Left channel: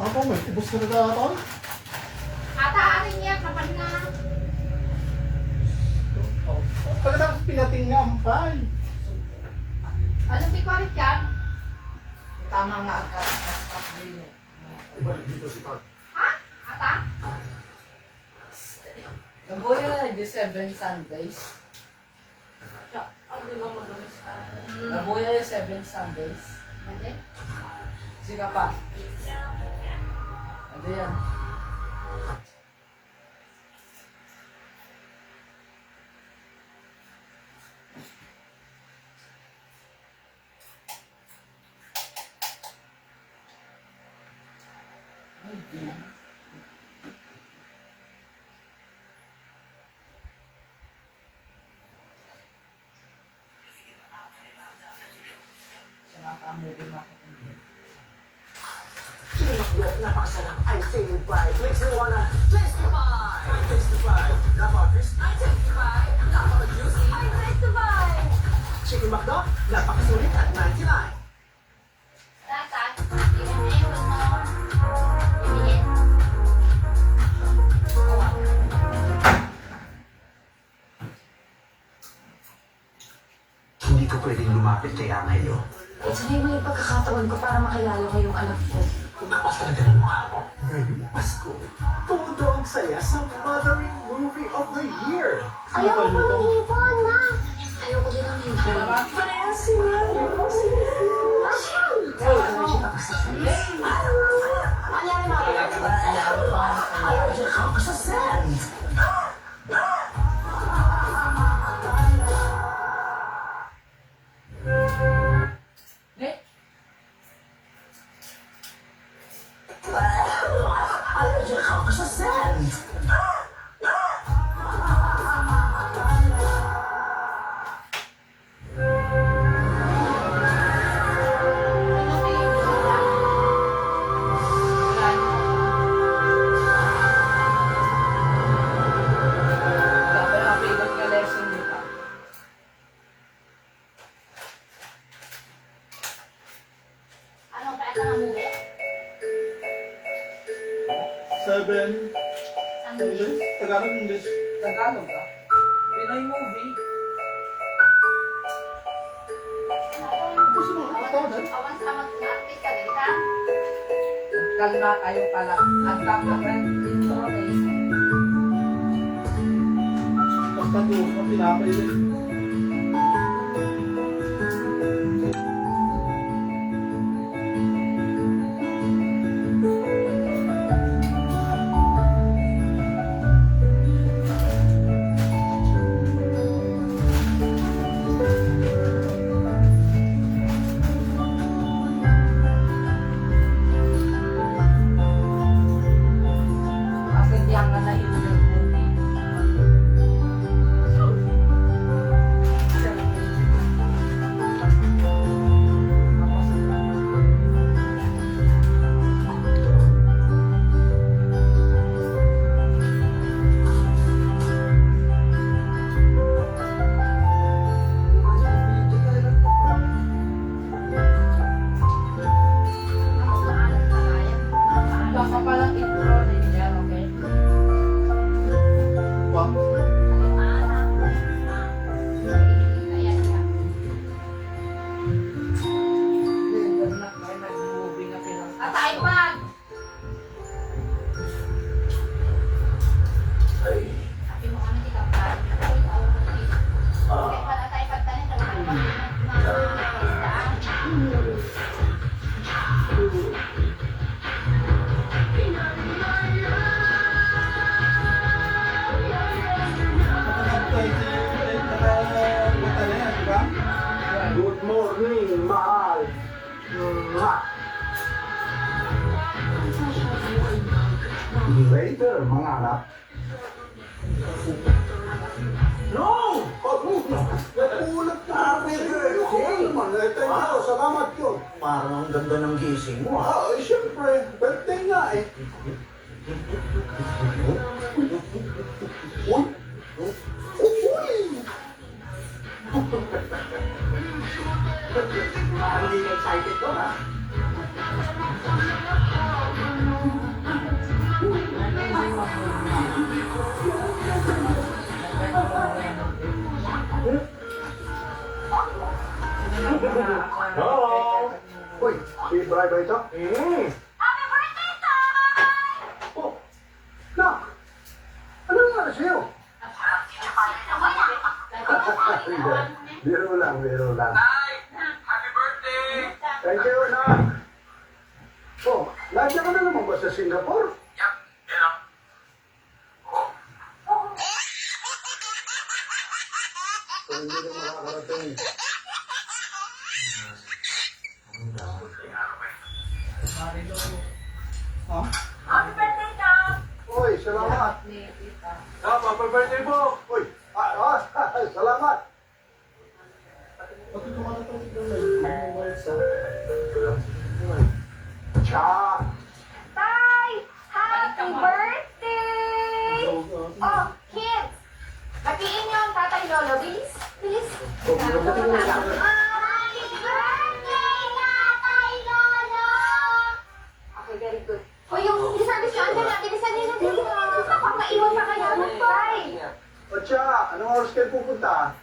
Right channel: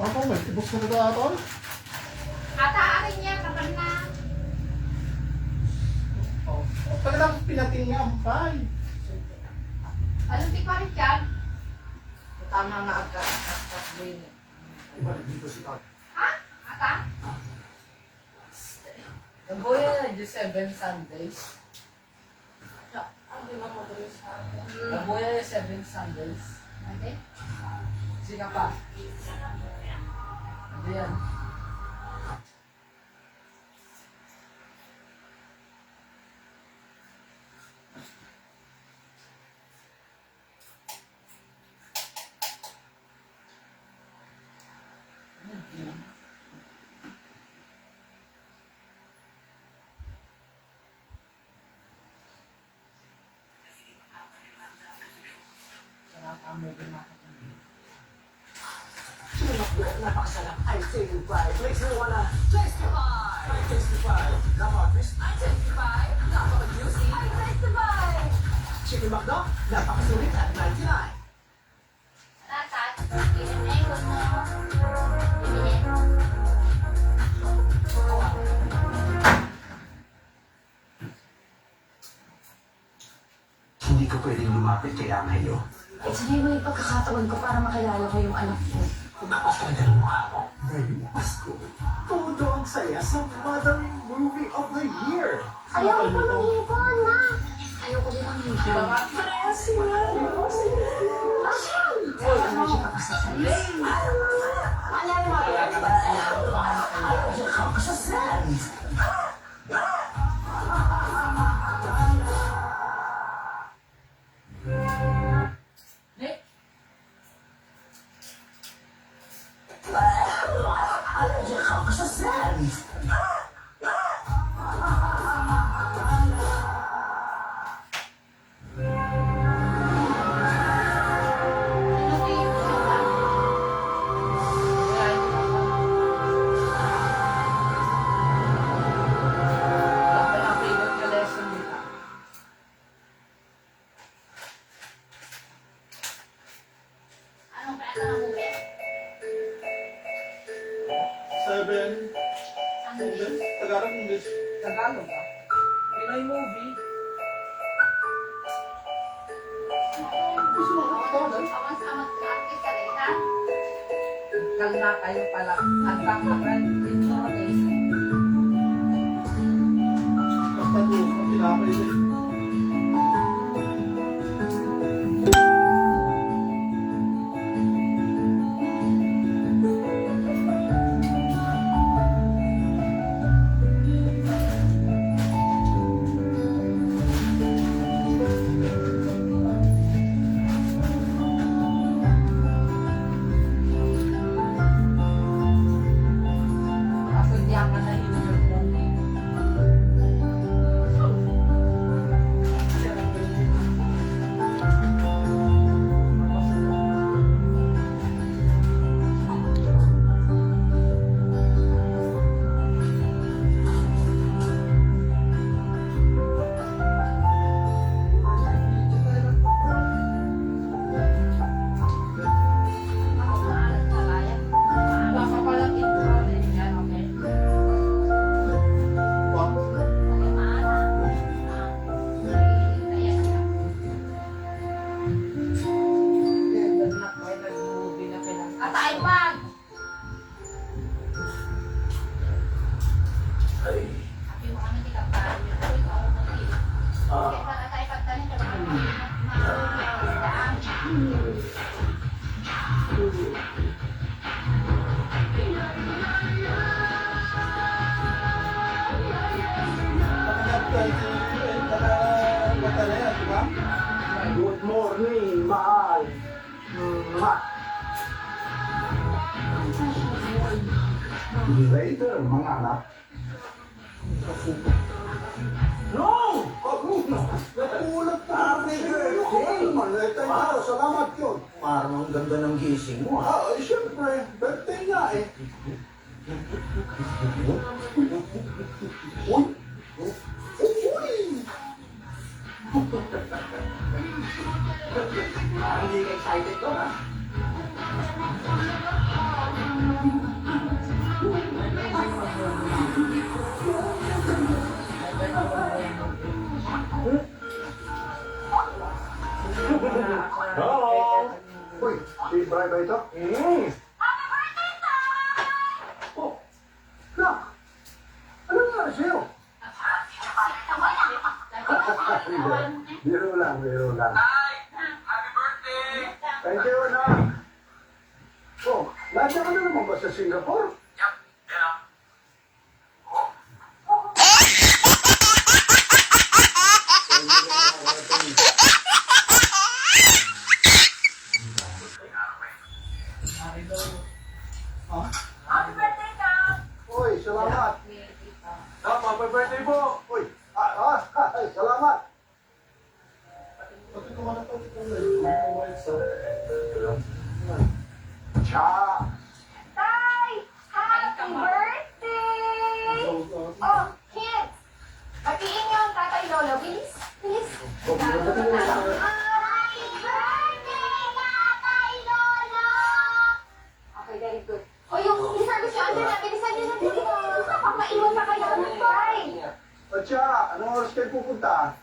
Ako, may tibos na nagkakaroon. Ataarin niya, kapag na. Pagkatapos pinating niya ang pay. Anong tikwalit yan? Tama nga agad. Ibalik dito si Pat. Ha? Ata? Nabuya na 7 Sundays. Ano yung magalis ka? Nabuya na 7 Sundays. Hindi? Sige pa. Ano yan? Nakaka-movie market. Chicken McDo, napakasarap. I'm feeling bright. Makes me wanna testify. I testify. Napaka-crispy. I testify. Napaka-juicy. I testify. Chicken McDo, napakasulit at 99. Lahat, inumin ko mo. Ibigin. Hindi ko pwedeng lumapit kay Angelo. Sanay mo yung pagkakataon ko para makilala ko yung anak ko. Tumapas talaga ng mukha ko. Ngayong Pasko, todo ang saya sa mothering movie of the year. Ayaw ko ng hipon, ma! Ayaw ko din ng hipon. Parehas sila. Ayaw ko na siya kapasasal. Alala mo ako. Ayaw siya kapasasal. Ayaw siya kapasasal. Ano yung Napakapilot na lesson nila. Anong kaya ng movie? 7. Sandali. Tagalog, English. Tagalog ah. Pinoy movie. Gusto mo, tawagan? Awan sa mag-artist ka rin, ha? Kal na kayo pala. Hanggang na rin. Ito eh. Basta doon, ang pinapay din. Kasi diyan nga na yun yung movie. Ako maalat pa kaya. Baka pala intro din yan, okay? Wag. Okay, maalat. Ayan siya. May nag-movie na pinang... At iPad! Sabi mo kami kita pa. Uy, ako na dito. Kaya pala tayo pagtanin talaga mag-isdaan. Good morning, mahal. Later, mga anak. No! Nagulat na may birthday. Maleta niyo, salamat yun. Parang ang ganda ng gising mo. Siyempre, birthday nga eh. Uy! Uy! Parang hindi ka excited ko, ha? Hello? Uy, si Bri ba ito? Oh, nak! Ano nangyari sa'yo? Biro lang, biro lang. Thank you, nak! Oh, nandiyan ka na naman ba sa Singapore? Uy, salamat! Happy birthday po! Uy, salamat! Pati ko na po ito na mobile sa... Cha! Tay! Happy birthday! Oh, kids! Batiin niyo ang tatay Lolo, please. Please. Happy birthday, tatay Lolo! Okay, very good. O yung service yung andyan na, bilisan niyo na din. Kapag maiwan pa kayo, tay! Cha, anong oras kayo pupunta?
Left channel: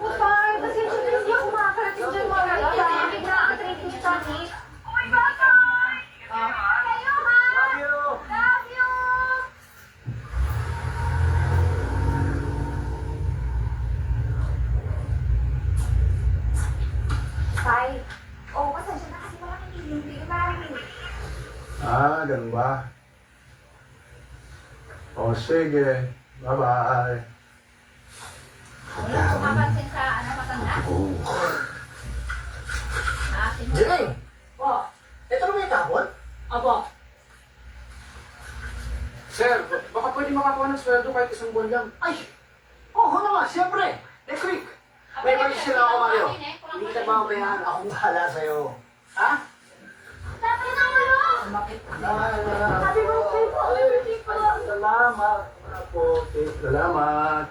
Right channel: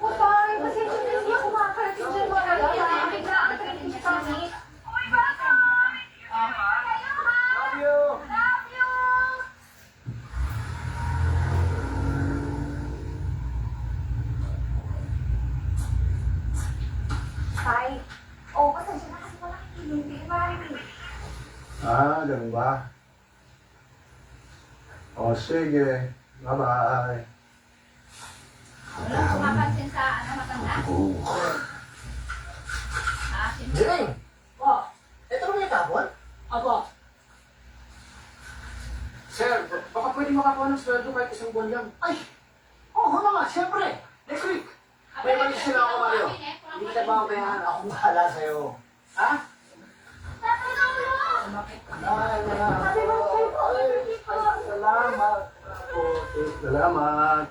O tay, kasi hindi ako makakarating dyan mga kaya. Bigla ang training niyo kami. Uy, bye-bye! Kayo, ha? Love you! Love you! Tay, pasensya na kasi wala kang hindi ka marami. Ganun ba? O, sige. Bye-bye. Wala akong mapansin sa matanda. Jay! Oh, ito naman yung tapon? Apo. Sir, baka pwede makakuha ng sweldo kahit isang buwan lang. Ay! Oo naman, siyempre. Next week. May may sila ako, Mario. Hindi kita ba kaya ako bahala sa'yo? Ha? Tatay Lolo! Happy birthday po! Happy birthday po! Salamat. Ako. Salamat.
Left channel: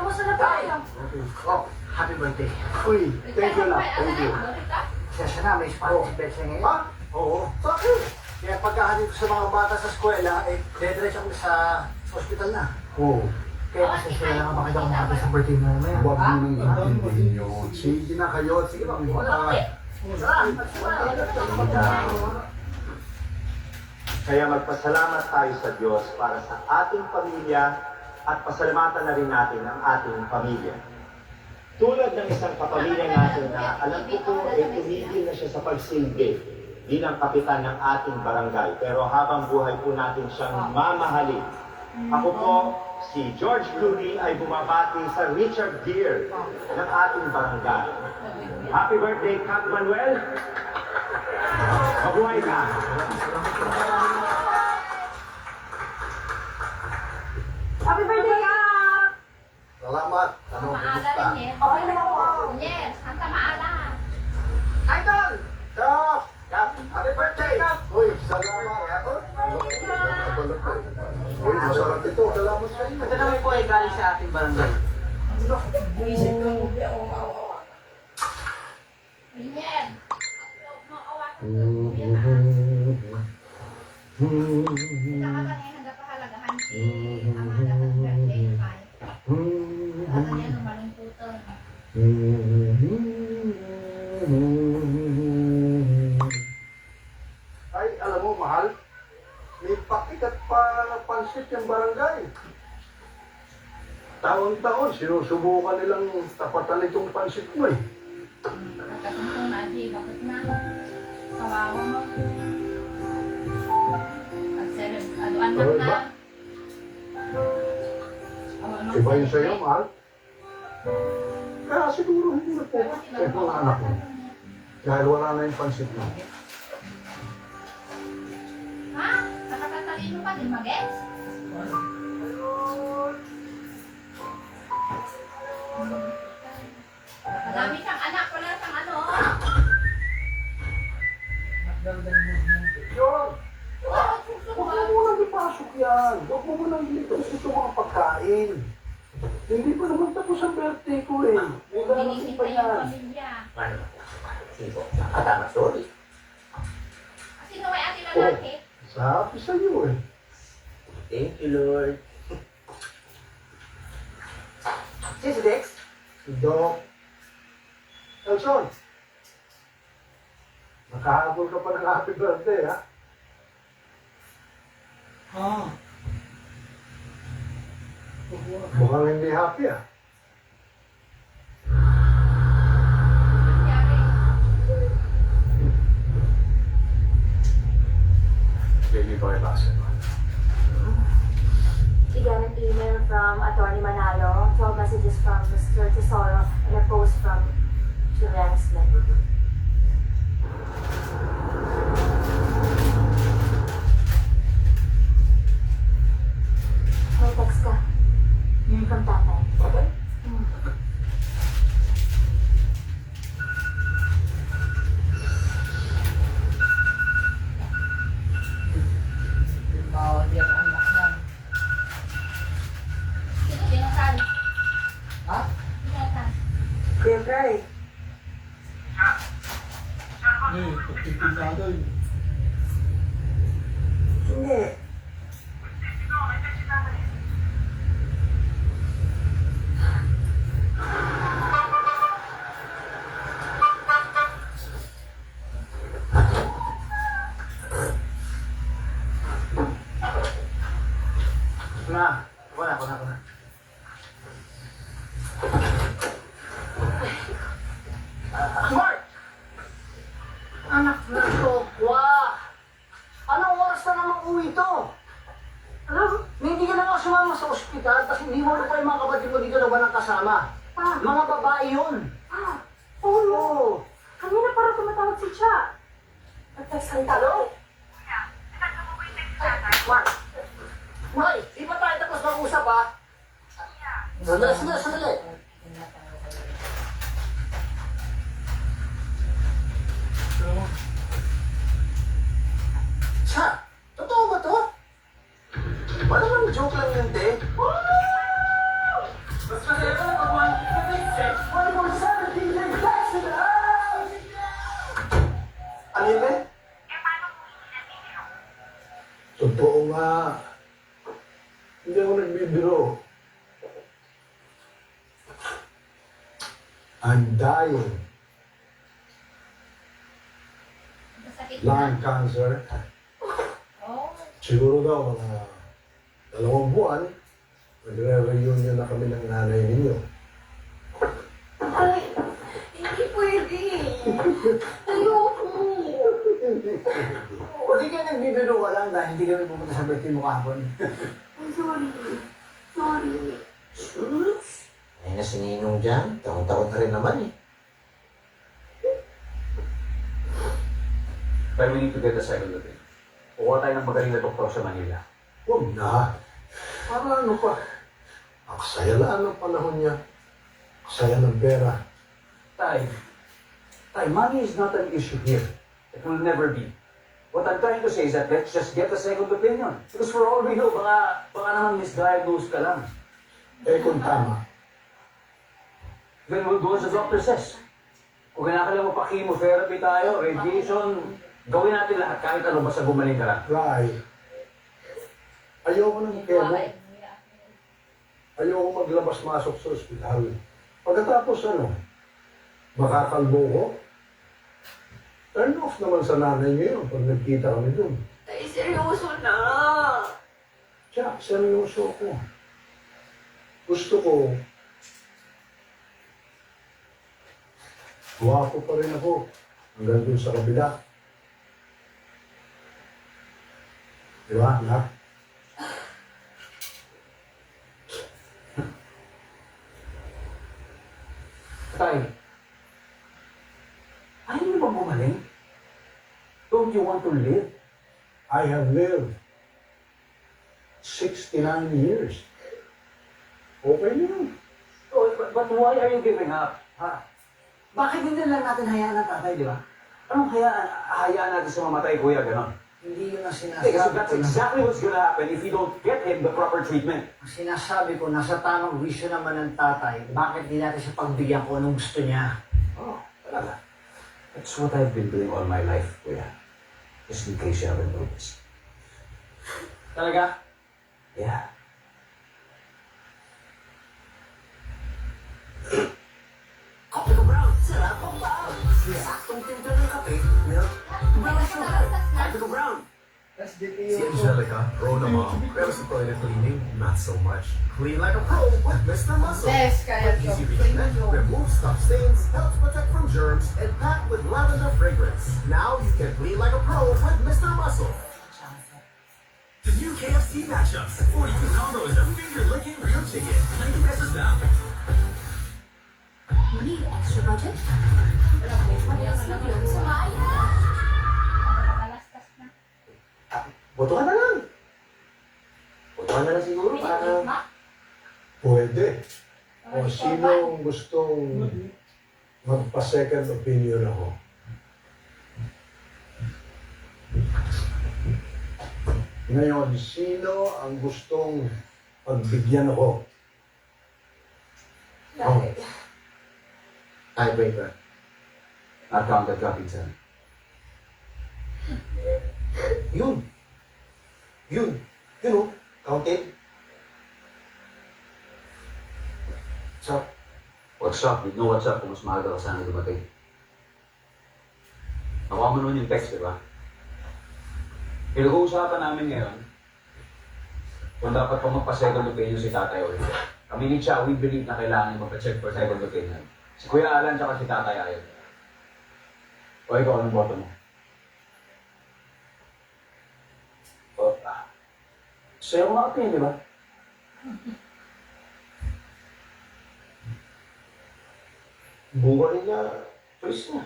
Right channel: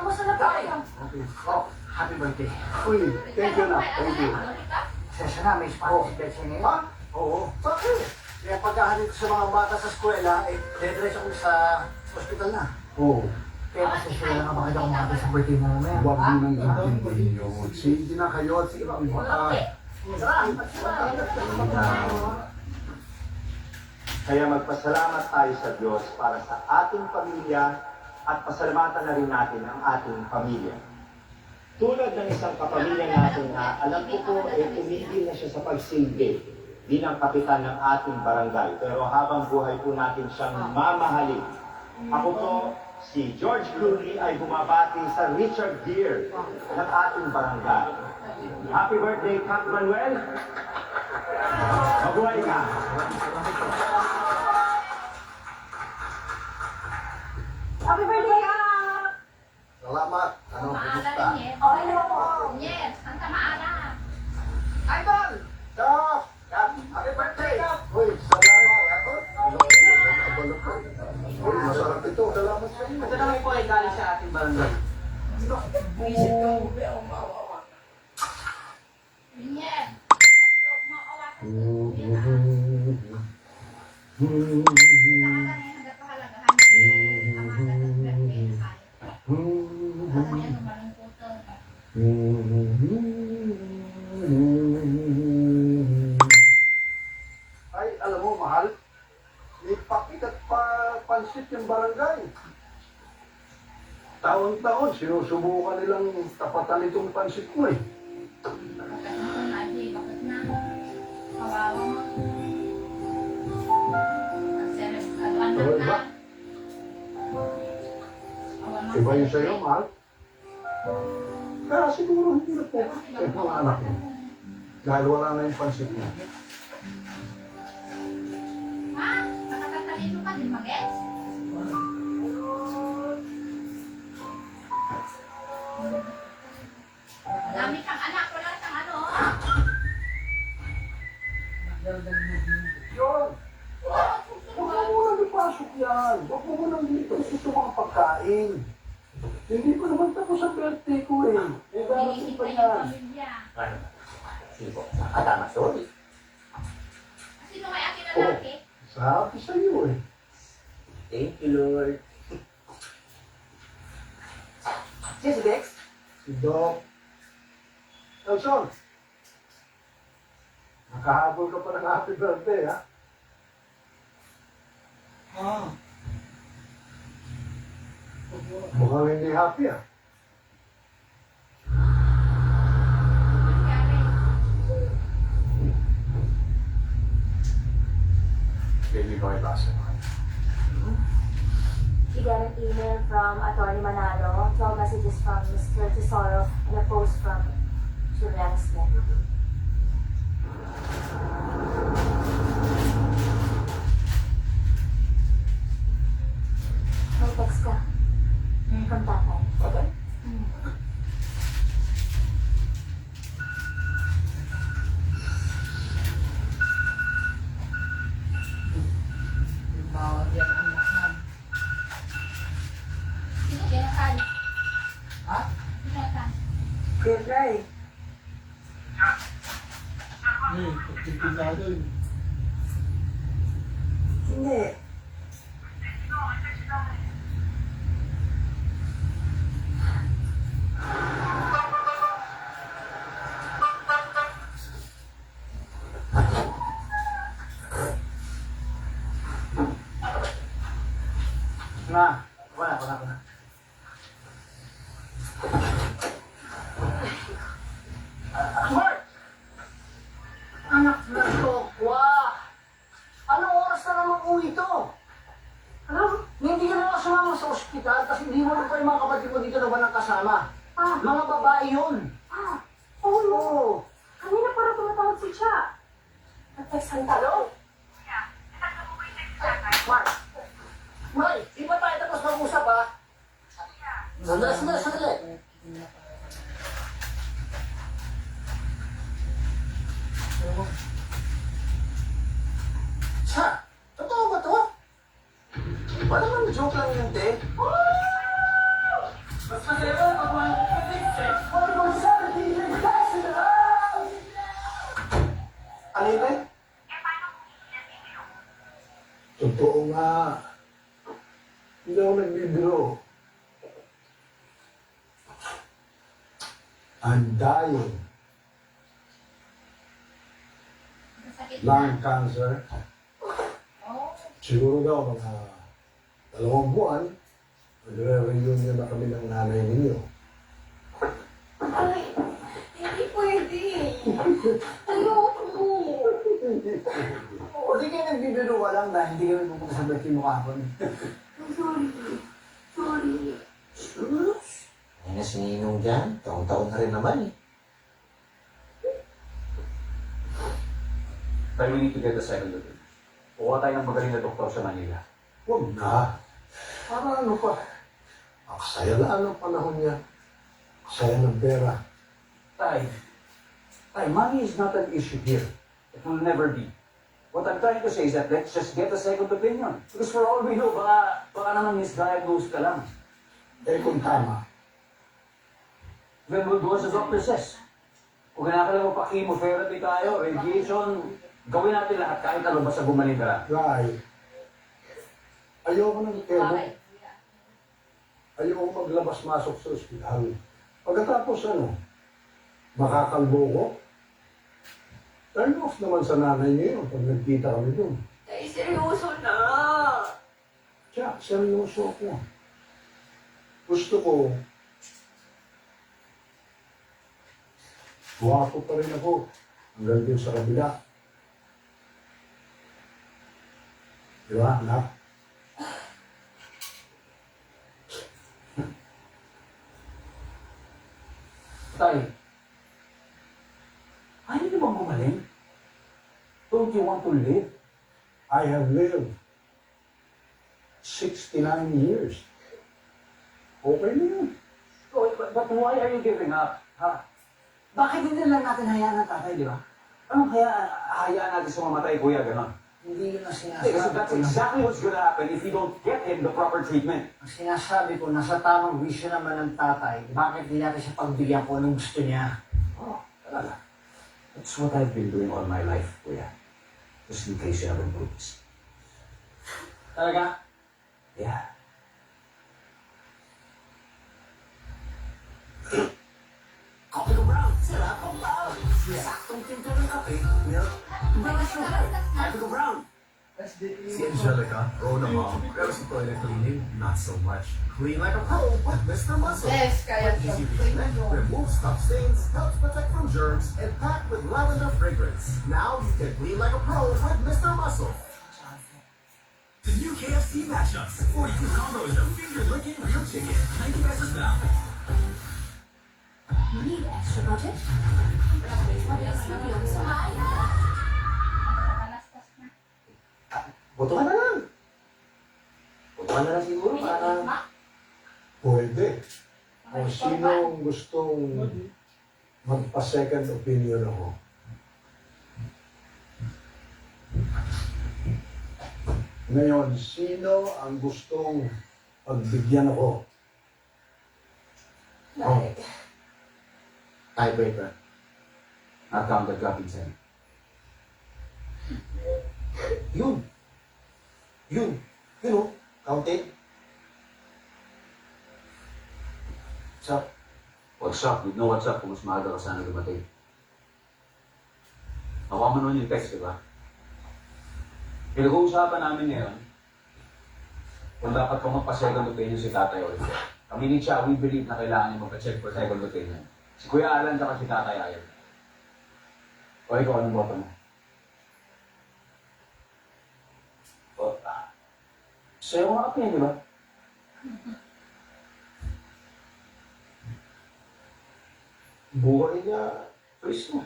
Kamusta na po kayo? Okay. Oh, happy birthday. Uy, thank you na. Thank you. Sesya na, may spot si Betsy ngayon. Ha? Oo. Bakit? Kaya pagkahanip ko sa mga bata sa eskwela, dediretso ko sa hospital na. Oo. Kaya masasya na lang ako bakit ako makapit sa birthday mo mamaya. Huwag mo nang intindihin yun. Sige na kayo. Sige ba? Kaya magpasalamat tayo sa Diyos para sa ating pamilya at pasalamatan na rin natin ang ating pamilya. Tulad ng isang kapamilya natin na alam ko po tumigil na siya sa pagsilbi bilang kapitan ng ating barangay. Pero habang buhay po natin siyang mamahalin. Ako po, si George Clooney ay bumabati sa Richard Gere ng ating barangay. Happy birthday, Cap Manuel! Mabuhay ka! Happy birthday, Kap! Salamat. Ano? Maala rin eh. Okay na po. Yes, Santa Maala. Idol! Kap! Happy birthday! Uy, salamat. Uy, masarap ito. Salamat sa iyo. Ito naman po ay galing sa ating barangay. Yes. Ay, alam mo, mahal. May pakit at pansit yung barangay. Taon-taon, sinusubukan nilang tapatan itong pansit mo eh. Iba yun sa'yo, mahal. Kaya siguro hindi na po. Eh, mga anak mo. Dahil wala na yung pansit mo. Ha? Nakatatalino ka din mag-gets? Madami siyang anak, wala siyang ano. Yun! Huwag mo munang ipasok yan. Huwag mo munang dito ito mga pagkain. Hindi pa naman tapos ang birthday ko eh. May darating pa Binisita yung yan. pamilya. Sige po, nakatama, sorry. Sino may ate lalaki? Sabi sa iyo eh. Thank you, Lord. Yes, Dex? Dok. Nelson. Nakahabol ka pa ng happy birthday, ha? Mukhang hindi happy, ah. Baby boy basketball. She got an email from Attorney Manalo, 12 messages from Mr. Tesoro, and a post from Julian Smith. May text ka. From tatay. Patay? Bawal yung anak na. Sino Jonathan? Ha? Sino Jonathan? Siyempre. Pagtitig natin. Hindi. Na, wala. Mark! Anak na Tokwa! Anong oras na naman uwi to? Alam, hindi ka na nga sumama sa ospital kasi hindi mo pa yung mga kapatid mo dito na ba nang kasama? Mga babae yun. Oh, Oo. kanina para tumatawag si Cha. Nag-text ang talo. Mark! Mark, di ba tayo tapos mag-usap ha? Sandali. Cha, totoo ba to? Ba naman joke lang yun, te? Ano yun, te? Totoo nga. Hindi ako nagbibiro. I'm dying. Masakit na. Lung cancer. Oh. Siguro daw mga 2 buwan, magre-reunion na kami ng nanay ninyo. Ay, hindi pwede. Ayoko. Hindi ka nagbibiro ka lang dahil hindi kami pupunta sa birthday mo kahapon. I'm sorry. Sorry. Ay na si Ninong dyan. Taon-taon na rin naman eh. But we need to get a second look. Kuha tayo ng magaling na doktor sa Manila. Huwag na. Para ano pa? Aksaya lang ang panahon niya. Aksaya ng pera. Tay, money is not an issue here. It will never be. What I'm trying to say is that let's just get a second opinion. Because for all we know, baka naman misdiagnosed ka lang. Eh kung tama, Then we'll do as the doctor says. Kung kinakailangan mo pa chemotherapy tayo, radiation, gawin natin lahat kahit ano basta gumaling ka. try. Ayoko ng kemo. Ayoko maglabas-masok sa ospital. Pagkatapos ano, makakalbo ko. Turn off naman sa nanay niyo yun pag nagkita kami dun. Ay, seryoso na. Tiyak, seryoso ko. Gusto ko, guwapo pa rin ako hanggang dun sa kabila. Di ba, anak? Tay, ayaw mo bang gumaling? Don't you want to live? I have lived 69 years. Okay na yun. Oh, but why are you giving up? Ha? Bakit hindi lang natin hayaan ang tatay, di ba? Anong hayaan natin sa mamatay, kuya, ganon? Hindi yun ang Kasi sinasabi that's ko. exactly what's gonna happen if you don't get him the proper treatment. Ang sinasabi ko, nasa tamang wisyo naman ng tatay. Bakit di natin siya pagbigyan ko anong gusto niya? Oh, talaga. That's what I've been doing all my life, kuya. Just in case you haven't noticed. Talaga? Yeah. middle ground. Tapos dito Si yung... Angelica, pro na mom, pero sa toilet cleaning, not so much. Clean like a pro with Mr. Muscle. Yes, kaya ko. Easy treatment, removes tough stains, helps protect from germs, and packed with lavender fragrance. Now you can clean like a pro with Mr. Muscle. The new KFC matchups. 42 combos of finger-looking real chicken. 90 pesos now. Need extra budget? Nakakalastas na. Botohan na lang. Botohan na lang siguro para... Pwede. O sino gustong magpa-second opinion ako? Ngayon, sino ang gustong pagbigyan ako? Oh, Tiebreaker. I'll count the dropping seven. Yun. Yun. Yun o. Counted. What's up? What's up? You know what's up kung mas maaga ka sana dumating. Nakuha mo nun yung text, di ba? Pinag-uusapan namin ngayon kung dapat pa magpa-second opinion si Tatay Oliver. Kami ni Cha, we believe na kailangan niya magpa-check for second opinion. Si Kuya Alan tsaka si Tatay ayaw. O ikaw, anong boto mo? O, sa'yo nga opinion, di ba? Buhay niya. Choice niya.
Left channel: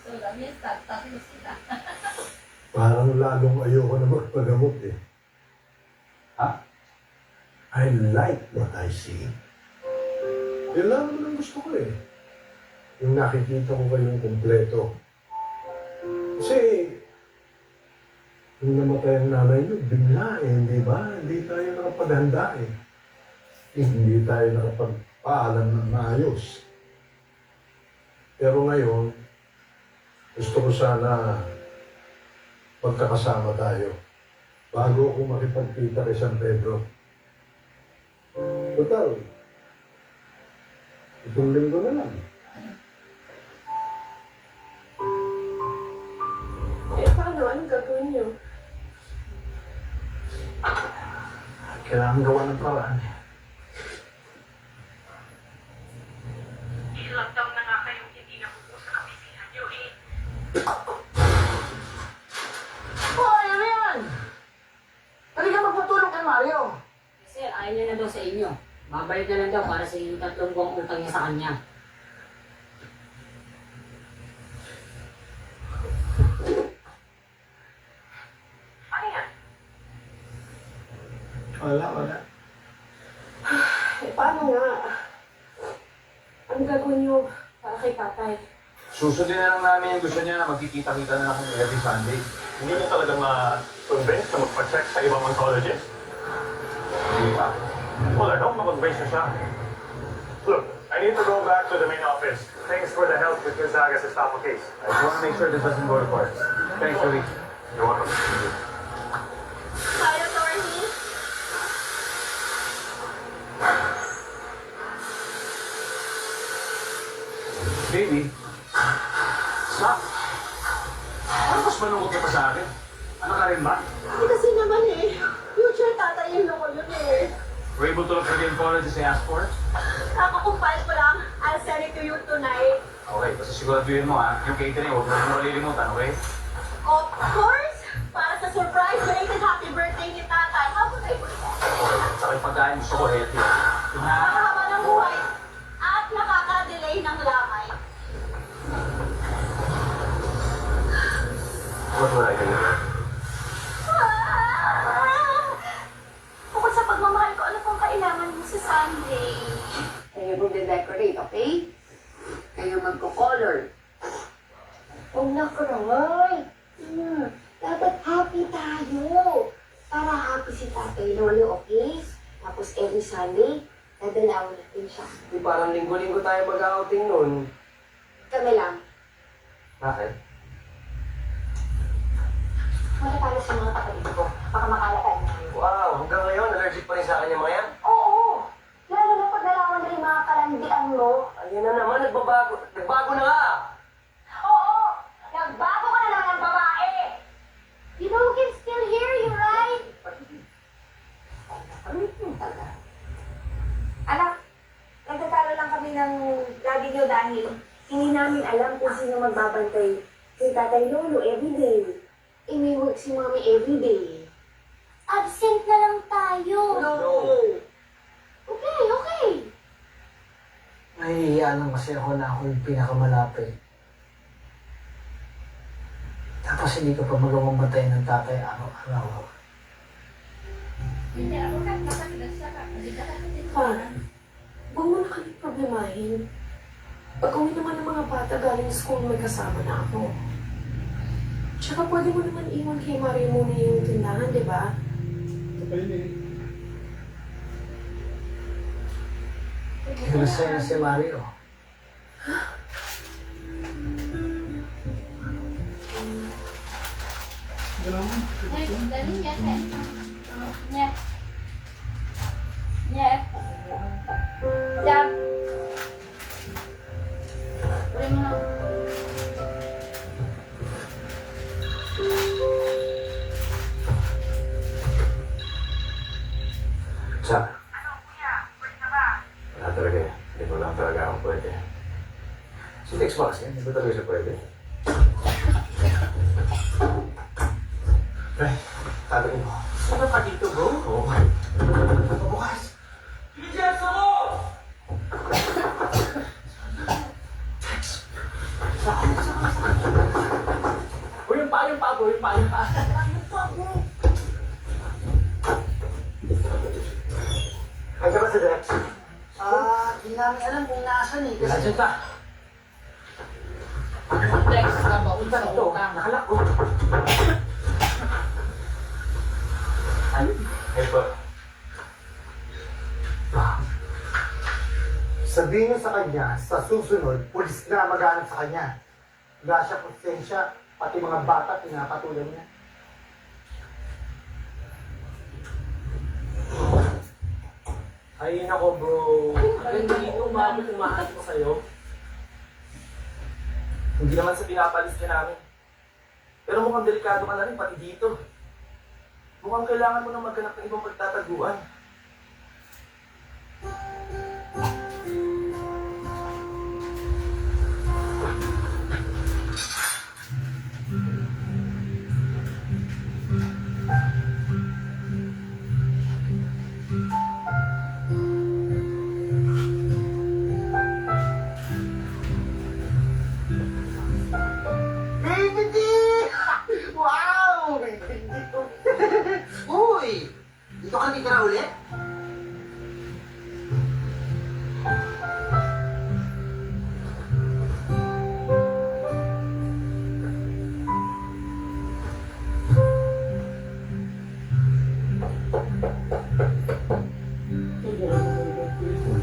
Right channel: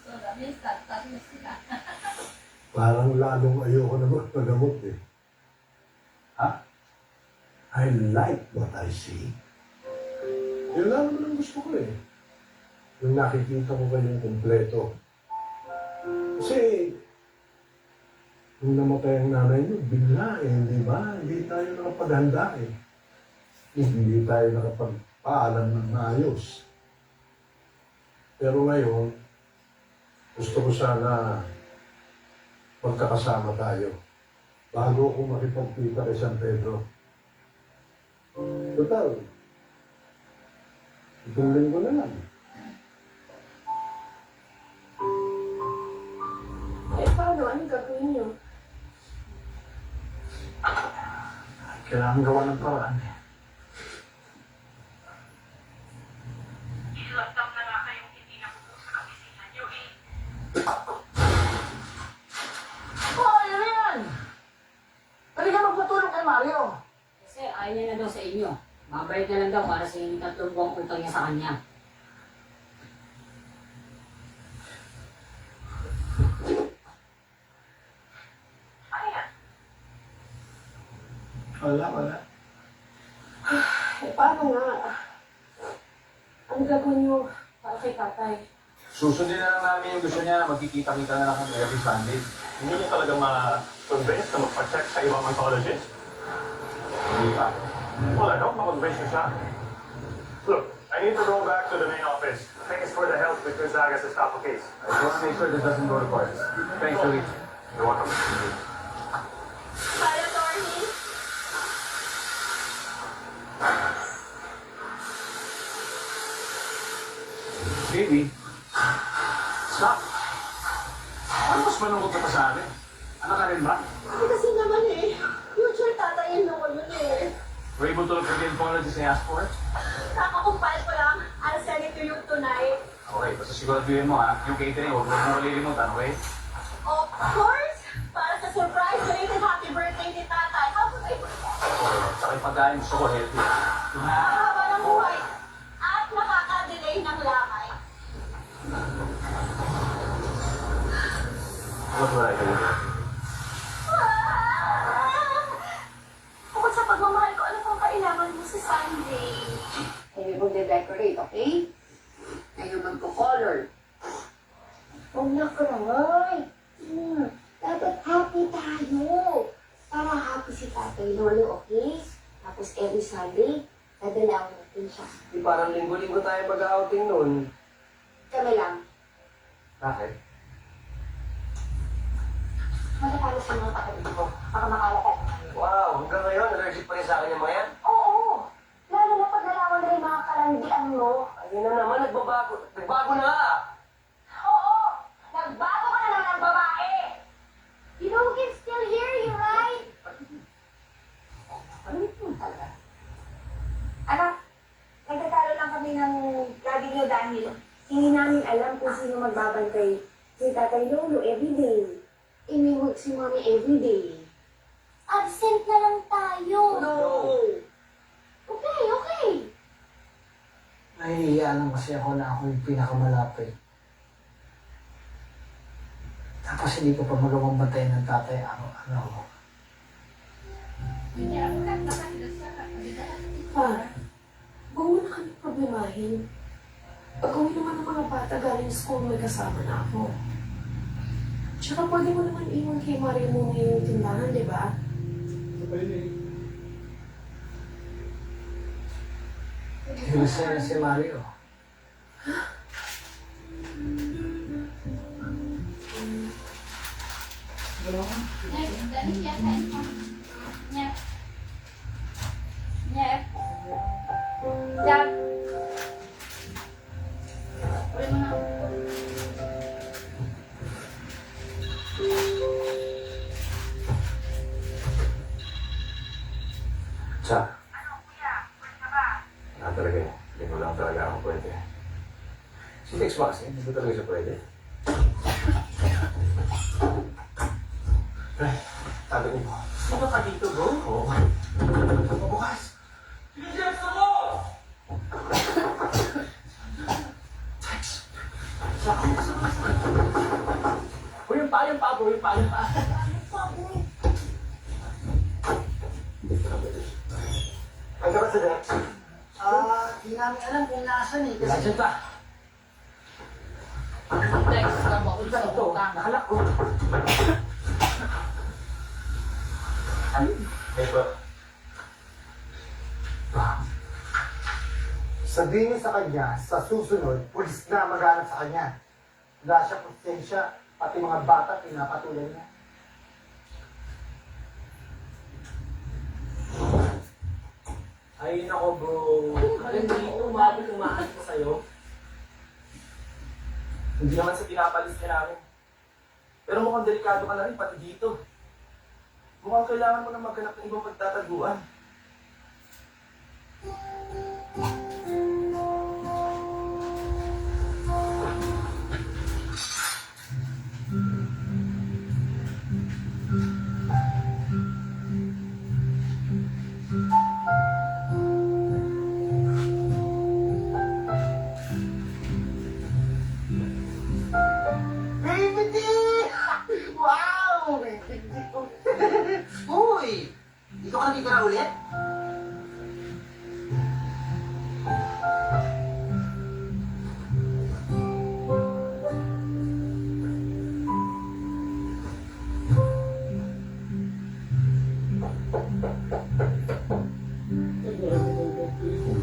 So, that means tatlo sila. parang lalong ayoko na magpagamot eh. Ha? I like what I see. Yun lang naman ang gusto ko eh. Yung nakikita ko kayong kumpleto. Kasi, nung namatay ang nanay niyo, bigla eh, di ba? Hindi tayo nakapaghanda eh. Hindi tayo nakapagpaalam ng maayos. Pero ngayon, gusto ko sana pagkakasama tayo bago ako makipagkita kay San Pedro. Total, itong linggo na lang. Eh, paano? Anong gagawin niyo? Kailangan gawa ng paraan. Ilang na nga kayong hindi nakupo sa kabisihan niyo eh. Oh, ano yan? Talaga magpatulong kay Mario. Sir, ayaw niya na daw sa inyo. Mabalik na lang daw para sa inyong 3 buwang utang niya sa kanya. Ano yan? Wala. Eh, paano nga? Anong gagawin niyo para kay tatay? Susundin na lang namin yung gusto niya. Magkikita-kita na lang kami every Sunday. Hindi niyo talaga ma-convince na magpa-check sa ibang oncologist? Hindi pa. Well, I don't ma-convince niyo siya. Look, I need to go back to the main office. Thanks for the help with Gonzaga's Estafa case. I just want to make sure this doesn't go to court. Thanks, Louis. You're welcome. Hi, attorney. Baby, stop. Ano mas malungkot ka pa sa akin? Ano ka rin ba? Hindi kasi naman eh. Future tatayin ko yun eh. Were you able to look for the oncologist I asked for? Kakakumpal ko lang. I'll send it to you tonight. Okay, basta siguraduhin mo ha. Yung catering, huwag mo malilimutan, okay? Of course! Para sa surprise belated happy birthday ni tatay. How could I forget? Okay, saka yung pagkain gusto ko healthy. Nakakahaba ng buhay at nakaka-delay ng lakay. What would I do? Bukod sa pagmamahal ko, ano pang kailangan mo sa Sunday? Kayo mag-decorate, okay? Kayo magko-color. Huwag na cry. Dapat happy tayo. Para happy si Tatay Lolo, okay? Tapos every Sunday, dadalawin natin siya. Di parang linggo-linggo tayo mag-outing nun. Kami lang. Bakit? Matapala sa mga kapatid ko. Baka makalatan tayo. Wow, hanggang ngayon, allergic pa rin sa kanya mga yan. Oo! Lalo na pag nalaman na yung mga kalandian mo. Ayun na naman, nagbabago. Nagbago na nga. sino magbabantay kay Tatay Lolo everyday. Eh, may work si Mami everyday. Absent na lang tayo. Okay. Nahihiya lang kasi ako na ako yung pinakamalapit. Tapos hindi ko pa magawang bantayan ng tatay araw-araw. Hindi ako nagpapagdasa. Pa, huwag mo na kami problemahin. Pag-uwi naman ng mga bata galing school, may kasama na ako. Tsaka pwede mo naman iwan kay Mario muna yung tindahan, di ba? Kinasaya si Mario. Dali niya tayo. Niya. Niya. Jam. Ulit mo na. Sa, Ano, kuya? Pwede ka ba? wala talaga eh. Hindi ko lang talaga ako pwede. Si Tex Max, hindi ba talaga siya pwede? Eh, sabi ko, Sino ka dito, bro? oo. Bukas. Bilisan mo! Uy, yung pa, bro. Yung pa. Hanggang ba si Dex? Di namin alam kung nasan eh. Nasaan ka? Tex, nabaon sa Ito, utang. nakalak ko. Eh po. Sabihin niyo sa kanya, sa susunod, pulis na maghanap sa kanya. Wala siya konsensya, pati mga bata pinapatulan niya. Ay, nako, bro. Hindi umabot ko sa'yo. Hindi naman sa pinapalis ka namin. Pero mukhang delikado ka na rin, pati dito. Mukhang kailangan mo na maghanap ng ibang pagtataguan. Wow! Uy! Dito ka dito na ulit?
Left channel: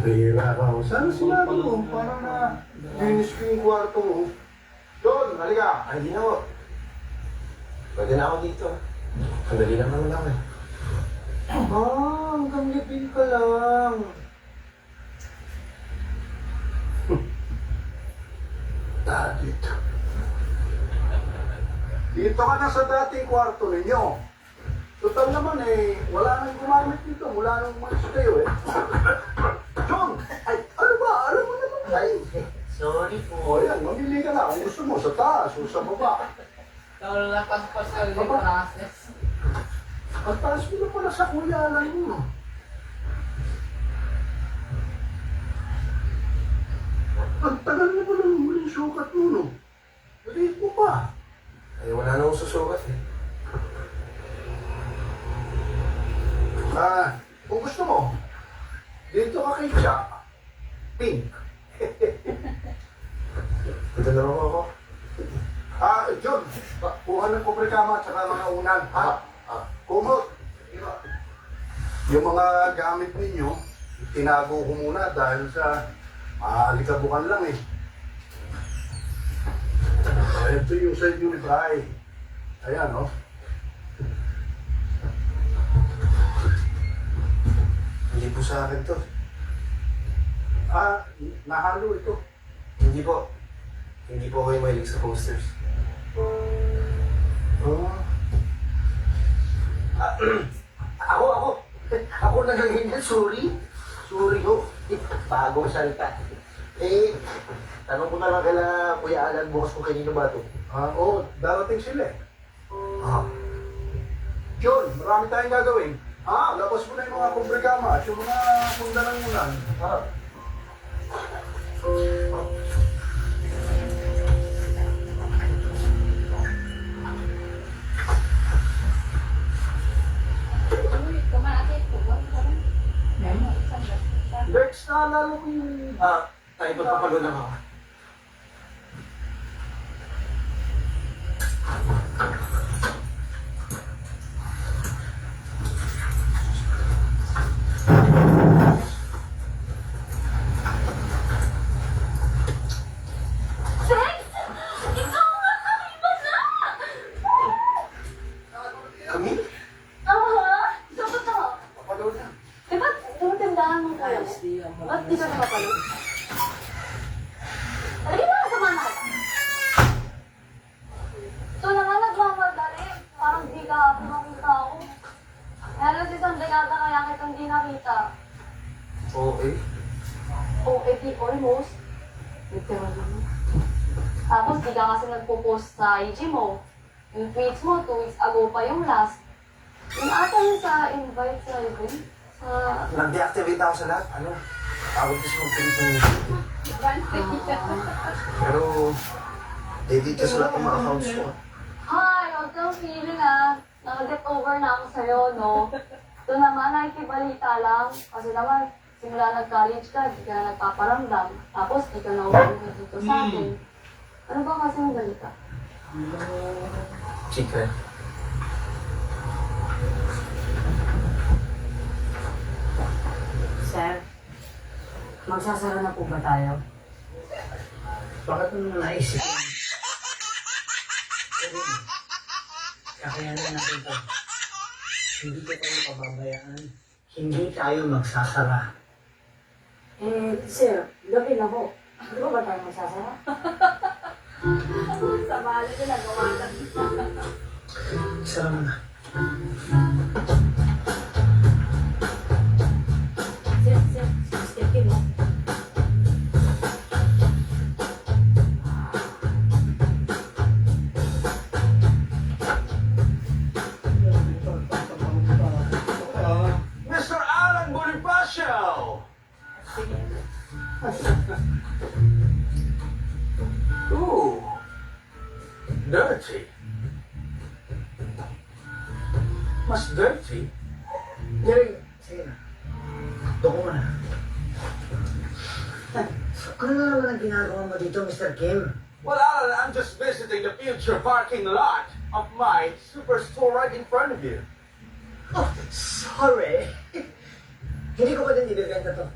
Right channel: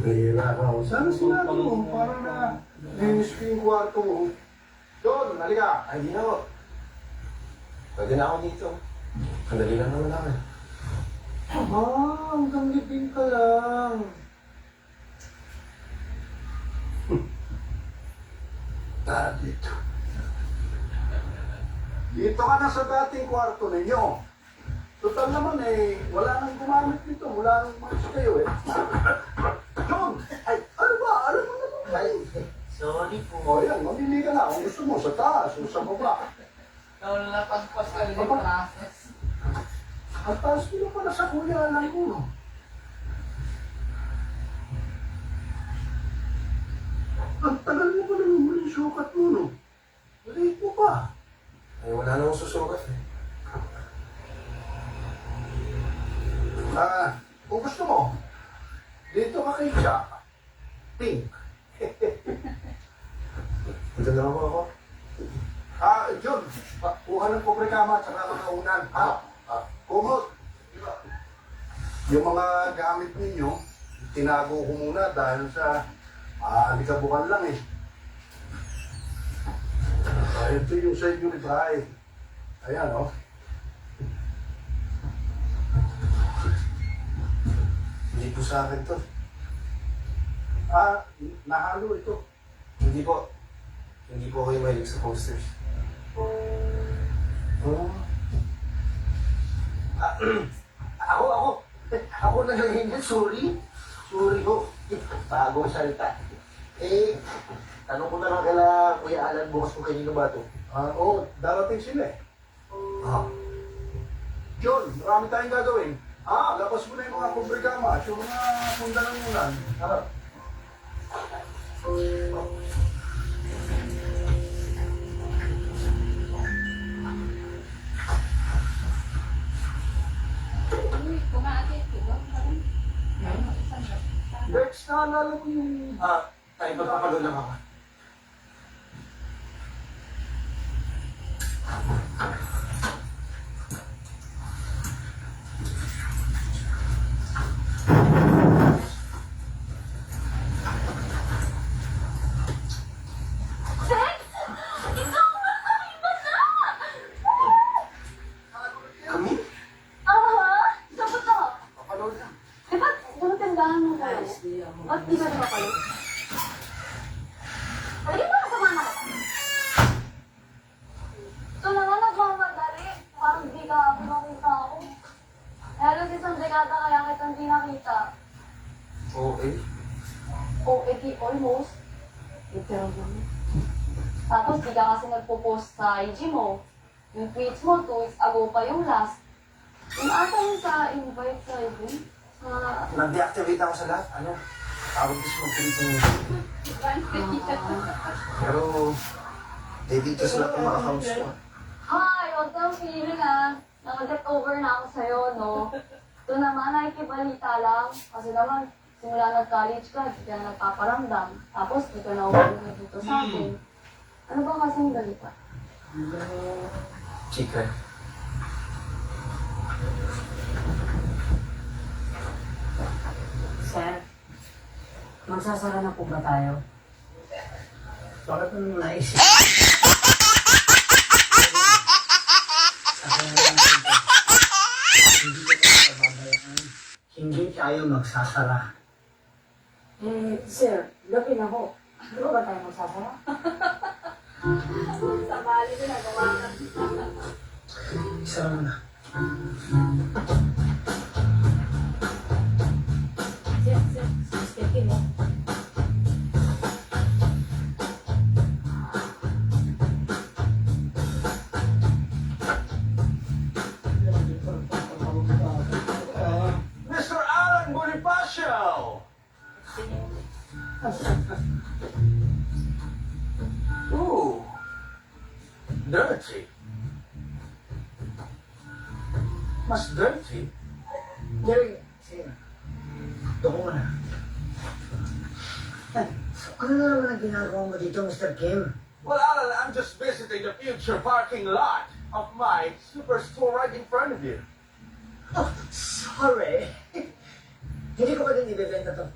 Bihira ka ako. Sana sinabi mo para na linis ko yung kwarto mo. Don, halika. Ay, di na ho. Pwede na ako dito. Sandali lang naman ako. Hanggang libing ka lang. Dito. Dito ka na sa dating kwarto ninyo. Total naman eh, wala nang gumamit dito. Wala nang malis kayo eh. John! Ay, ano ba? Alam mo naman ay. Sorry po. O yan, mamili ka na. Kung gusto mo, sa taas o sa baba. Nalapagpas ka rin yung process. Ang taas mo na pala sa kuyalan mo. Ang tagal na pala ng muling sukat mo, no? Maliit mo pa. Ay, wala na akong susukat eh. Kung gusto mo, dito ka kay Jack. Pink. Dito na ako. John, kuha ng pobre kama at saka mga unan. Kumot. Yung mga gamit ninyo, tinago ko muna dahil sa alikabukan lang eh. Ito yung sa inyong bahay. Ayan, oh. Hindi po sa akin to. Nahalo ito. Hindi po. Hindi po ako yung mahilig sa posters. Oh. Ako na lang hindi. Sorry. Sorry ho. Bagong salita. Eh, tanong ko na lang kala Kuya Alan bukas kung kanino ba ito. Oo, darating sila eh. Ah, John, marami tayong gagawin. Labas mo na yung mga kubrigama at yung mga pundanan mo yan. Uy, kumakit. Bex, naalala ko yung... tayo magpapalo lang ako. Kami? Dapat ako. Papalo na. Eh, ba't tumutindahan mo ko? Ba't di ka napapalo? Ay, na, sumama ka. So, nanganagmamadali. Parang di ka nakita ako. Meron si isang dekada kaya kita hindi nakita. Okay. O, di almost. Literal naman. Tapos, di ka kasi nagpo-post sa IG mo. Yung tweets mo, 2 weeks ago pa yung last. Yung ata yung sa invite sa event. Sa... Nag-deactivate ako sa lahat. Ano? Tawag ko sa mga Pilipino. Pero, edit ka sa lahat ng mga accounts ko. Hi, huwag kang feeling Nag-get over na ako sa'yo, no? Ito naman, nakikibalita lang. Kasi naman, simula nag-college ka, di ka na nagpaparamdam. Tapos, di ka na umuwi dito sa akin. Ano ba kasing balita? Chika. Sir, magsasara na po ba tayo? Bakit mo naisip? Kaya natin ito. Hindi ko tayo pababayaan. Hindi tayo magsasara. Sir, gabi na ho. Di ba tayo magsasara? Sa bali din, nagawa na. Isa lang na. Sir, skipin mo. Mr. Alan Bonifacio! Ooh, dirty. Mas dirty? Jerry, sige na. Doko mo na. Ano naman ang ginagawa mo dito, Mr. Kim? Well, Alan, I'm just visiting the future parking lot of my superstore right in front of you. Oh, sorry. Hindi ko pa din ibibenta to.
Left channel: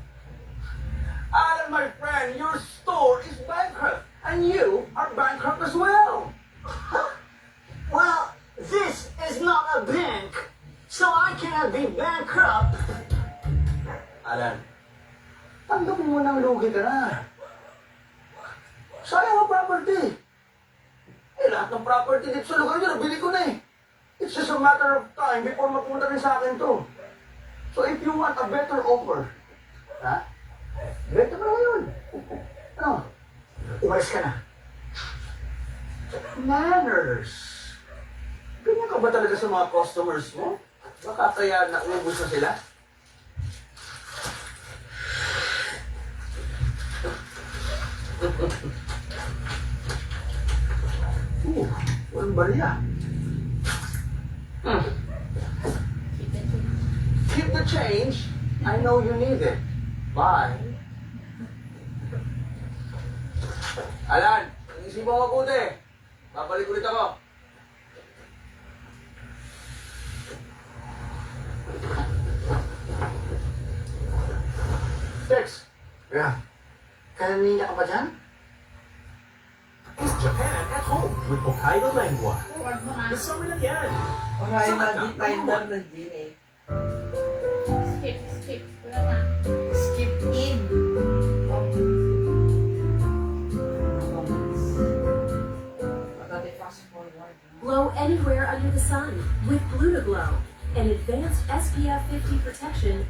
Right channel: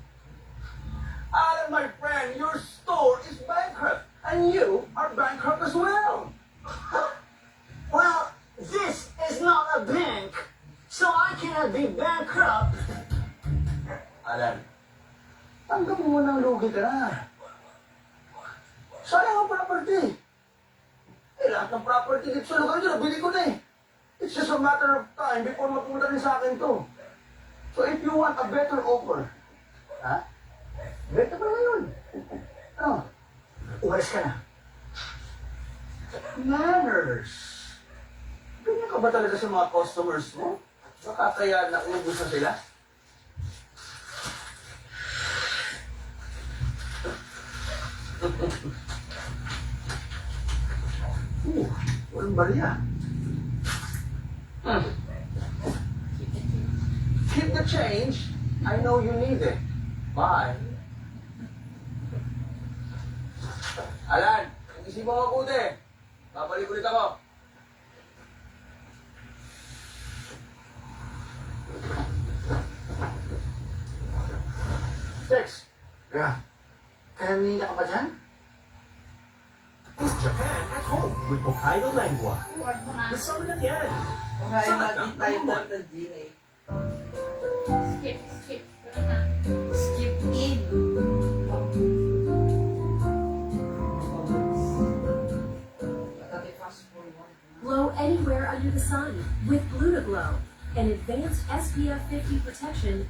Alan, my friend, your store is bankrupt, and you are bankrupt as well. Well, this is not a bank, so I cannot be bankrupt. Alan, tanggapin mo ng lugi ka na. Sayang ang property. Eh, lahat ng property dito sa lugar nyo, nabili ko na eh. It's just a matter of time before mapunta rin sa akin to. So if you want a better offer, ha? Better pa yun. Ano? Umalis ka na. Manners. Ganyan ka ba talaga sa mga customers mo? Baka kaya naubos na sila? Walang barya. Keep the change. I know you need it. Bye. Alan, isip mo mabuti. Babalik ulit ako. Tex. Yeah. Kanina ka pa dyan? Japan at home with Hokkaido Lengua. The summer again. Ay, mag-finder na din eh. Skip. Wala na. Skip in. Fast forward. Glow anywhere under the sun with Blue to Glow, an advanced SPF 50 protection.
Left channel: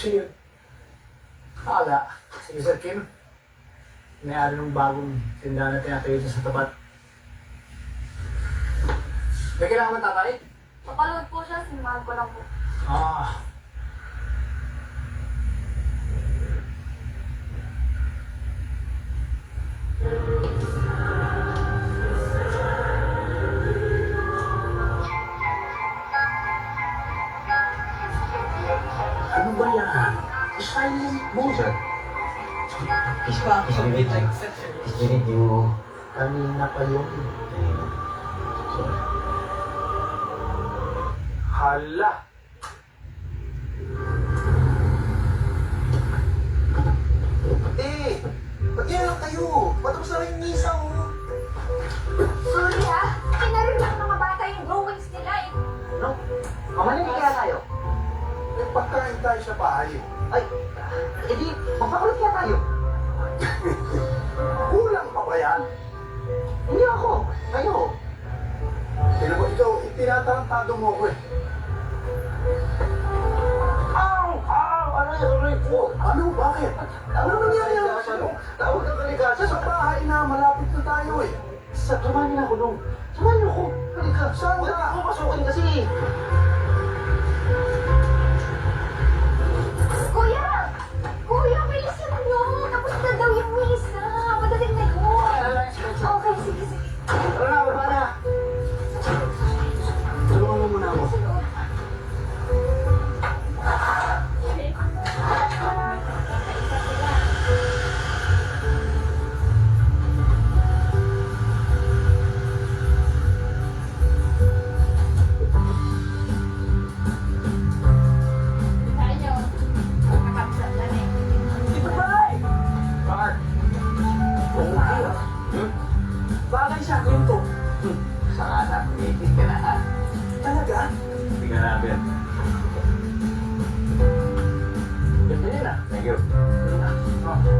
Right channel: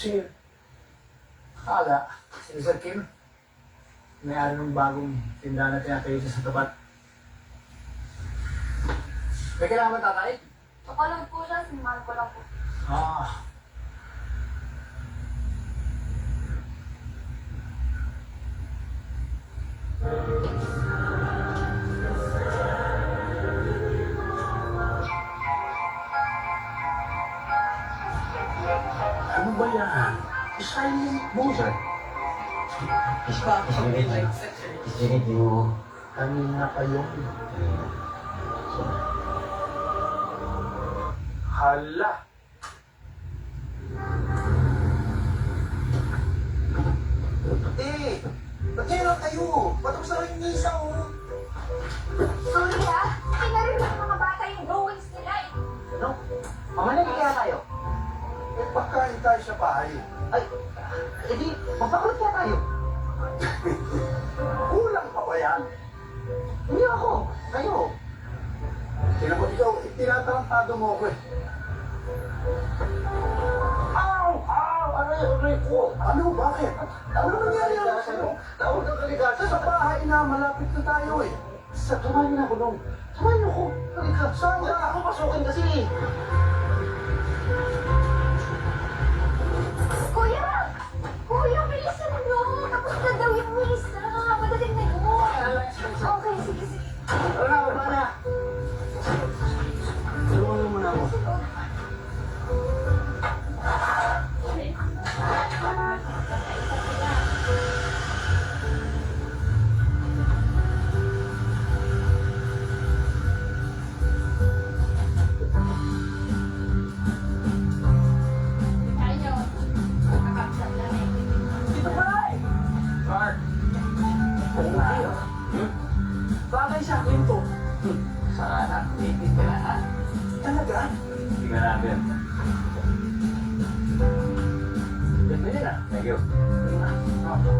Sige. Hala. Kasi Si Sir Kim, may-ari ng bagong tindahan na tinatayo dyan sa tapat. May kailangan mo, tatay? Papaload po siya, sinamahan ko lang po. Ah. Ano ba yan? Silent mo, sir. Isinig mo. Kanina pa yun. Hala! Eh, ba't kayo lang tayo? Patapos na rin yung misa, oh. Sorry ah, pinarin lang mga bata yung drawings nila eh. Ano? Mamalay kaya tayo? Eh, pagkain tayo sa bahay. Ay, edi, magpakulit kaya tayo. Kulang pa ba yan? Hindi ako, kayo. Sino mo ikaw, itinatarantado mo ako eh. Ow! Ow! Ano yung report? Ano? Bakit? Ano nangyari na sa ano? Tawag ng kaligasa. Sa bahay na, malapit na tayo eh. Sa tumanin ako nung. Tumanin ako. Halika. Saan Huwag ka? ako pasukin kasi. Kuya! Kuya, bilisan nyo! Tapos na daw yung misa! Madaling na yun! Okay, sige, sige. Tara na, wala na. Tulungan mo muna ako. Ito ba eh? Mark! Kung tayo. Bagay sa akin to. Saka na, creative ka na ha. Talaga? Hindi ka namin. Ganda yun ah. Thank you.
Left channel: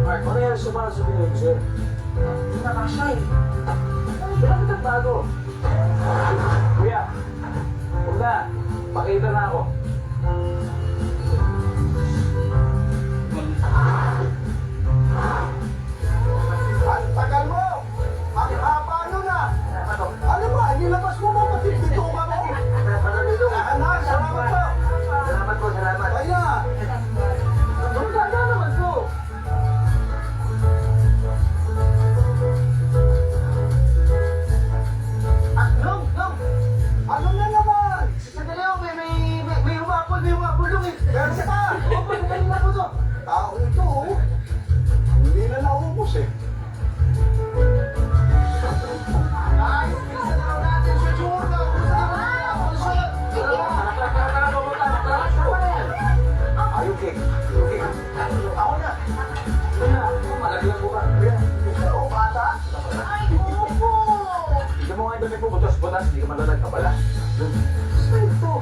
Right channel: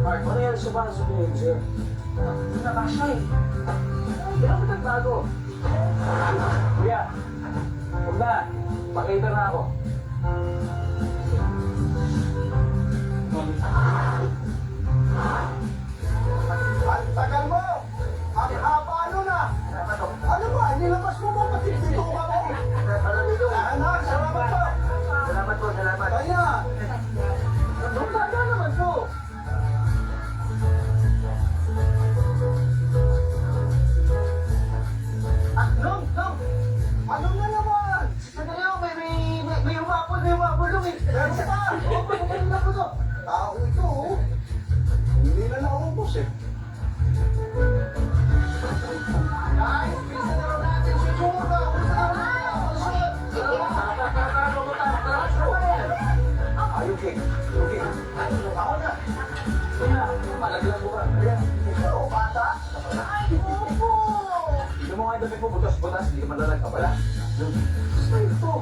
Mark, ano yung sumaso ko yun, sir? Hindi na lang siya eh. Ay, bakit ang bago? Kuya, huwag na. Pakita na ako. Ang tagal mo! Ang haba nun ah! Ano ba? Nilabas mo mga dito ka mo? Anak, salamat po! Salamat po, salamat. Kaya! Ang ganda naman po. Long! Ano na naman? Sandali lang, may umapol yung eh. Meron ka! Oo, may kanina po to. Tao ito oh. Hindi na naubos eh. Ay, bilisan na lang natin si Churka. Are you okay? Okay. Ako na. Kuya, malagyan mo ba? Kuya, Ito, bata. Ay, opo! ito mo nga yung dami po, butas-butas, hindi ka malalag ka pala. Ito.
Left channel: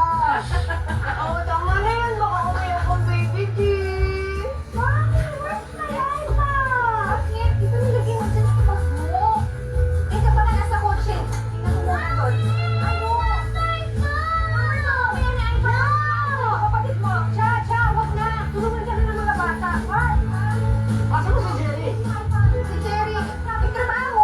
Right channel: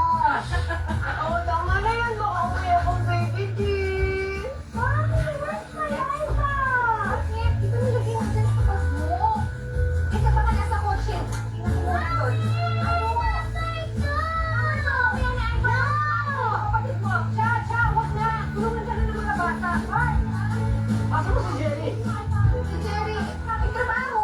Oo, tama na yan. Baka umiyak akong baby G. Mami, where's my iPad? Bakit? Ito nilagay mo dyan sa bag mo. Ito pa ka nasa kotse. Tingnan mo mo. Ano? Ano? Kaya na iPad? No! Kapatid mo. Cha, wag na. Tulungan ka na ng mga bata. What? Asa mo si Jerry? Si Jerry, may trabaho.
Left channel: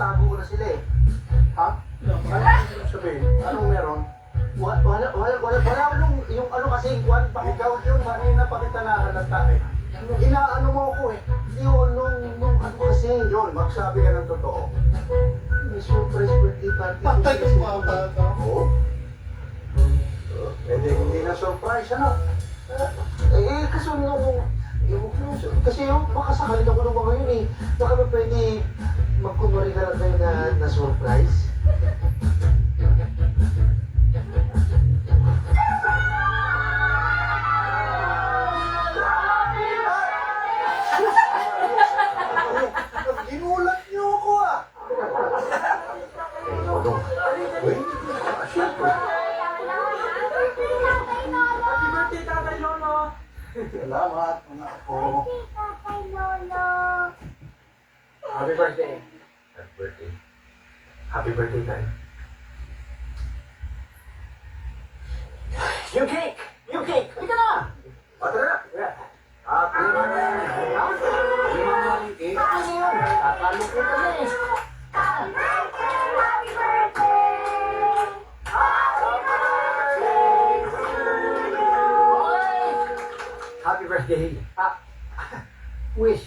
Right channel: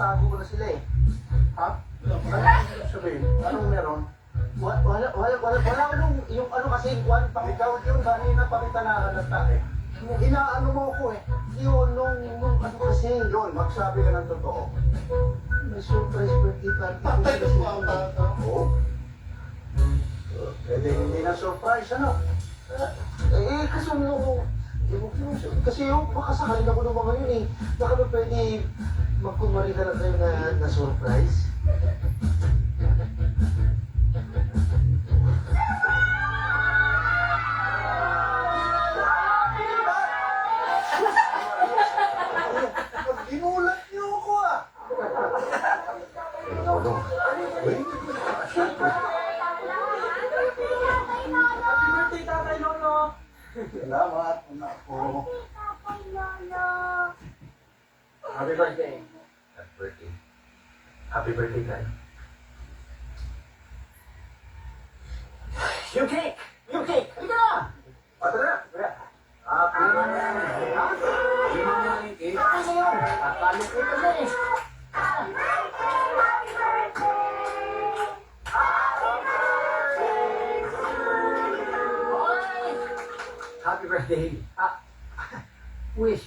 tinatago ko na sila eh. Ha? Ano sabihin? Anong meron? Wala akong yung ano kasi, kwan pa. Ikaw yun, kanina pa kita nakalata eh. Inaano mo ako eh. Yun, nung ano kasi. Yun, magsabi ka ng totoo. May surprise birthday party. Patay ka mga bata. Oo. Hindi na surprise, ano? Kasi kasi yung makasakal ako ng mga yun eh. Baka ba pwede magkumari ka lang kayo na surprise? Ginulat niyo ako ah. Wait, syempre. Happy birthday, Tatay Lolo! Salamat, anak ko. Happy birthday. Happy birthday. Happy birthday, Tay. Yung cake! Yung cake! Halika na! Tara na. Kunin mo na yan. Kunin mo na yung cake. Ano yun? Akala ko ito na eh. Happy birthday. Wish.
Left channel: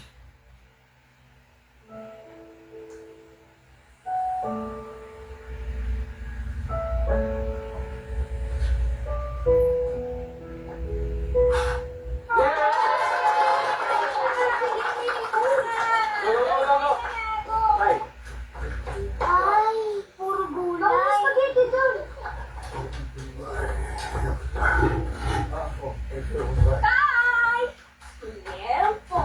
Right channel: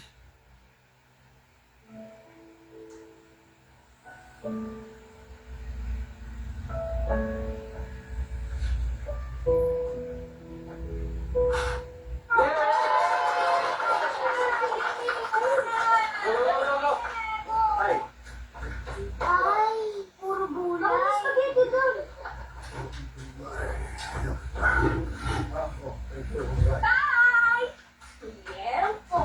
Tay. Ay, puro gulay. Ano spaghetti doon? Meron po.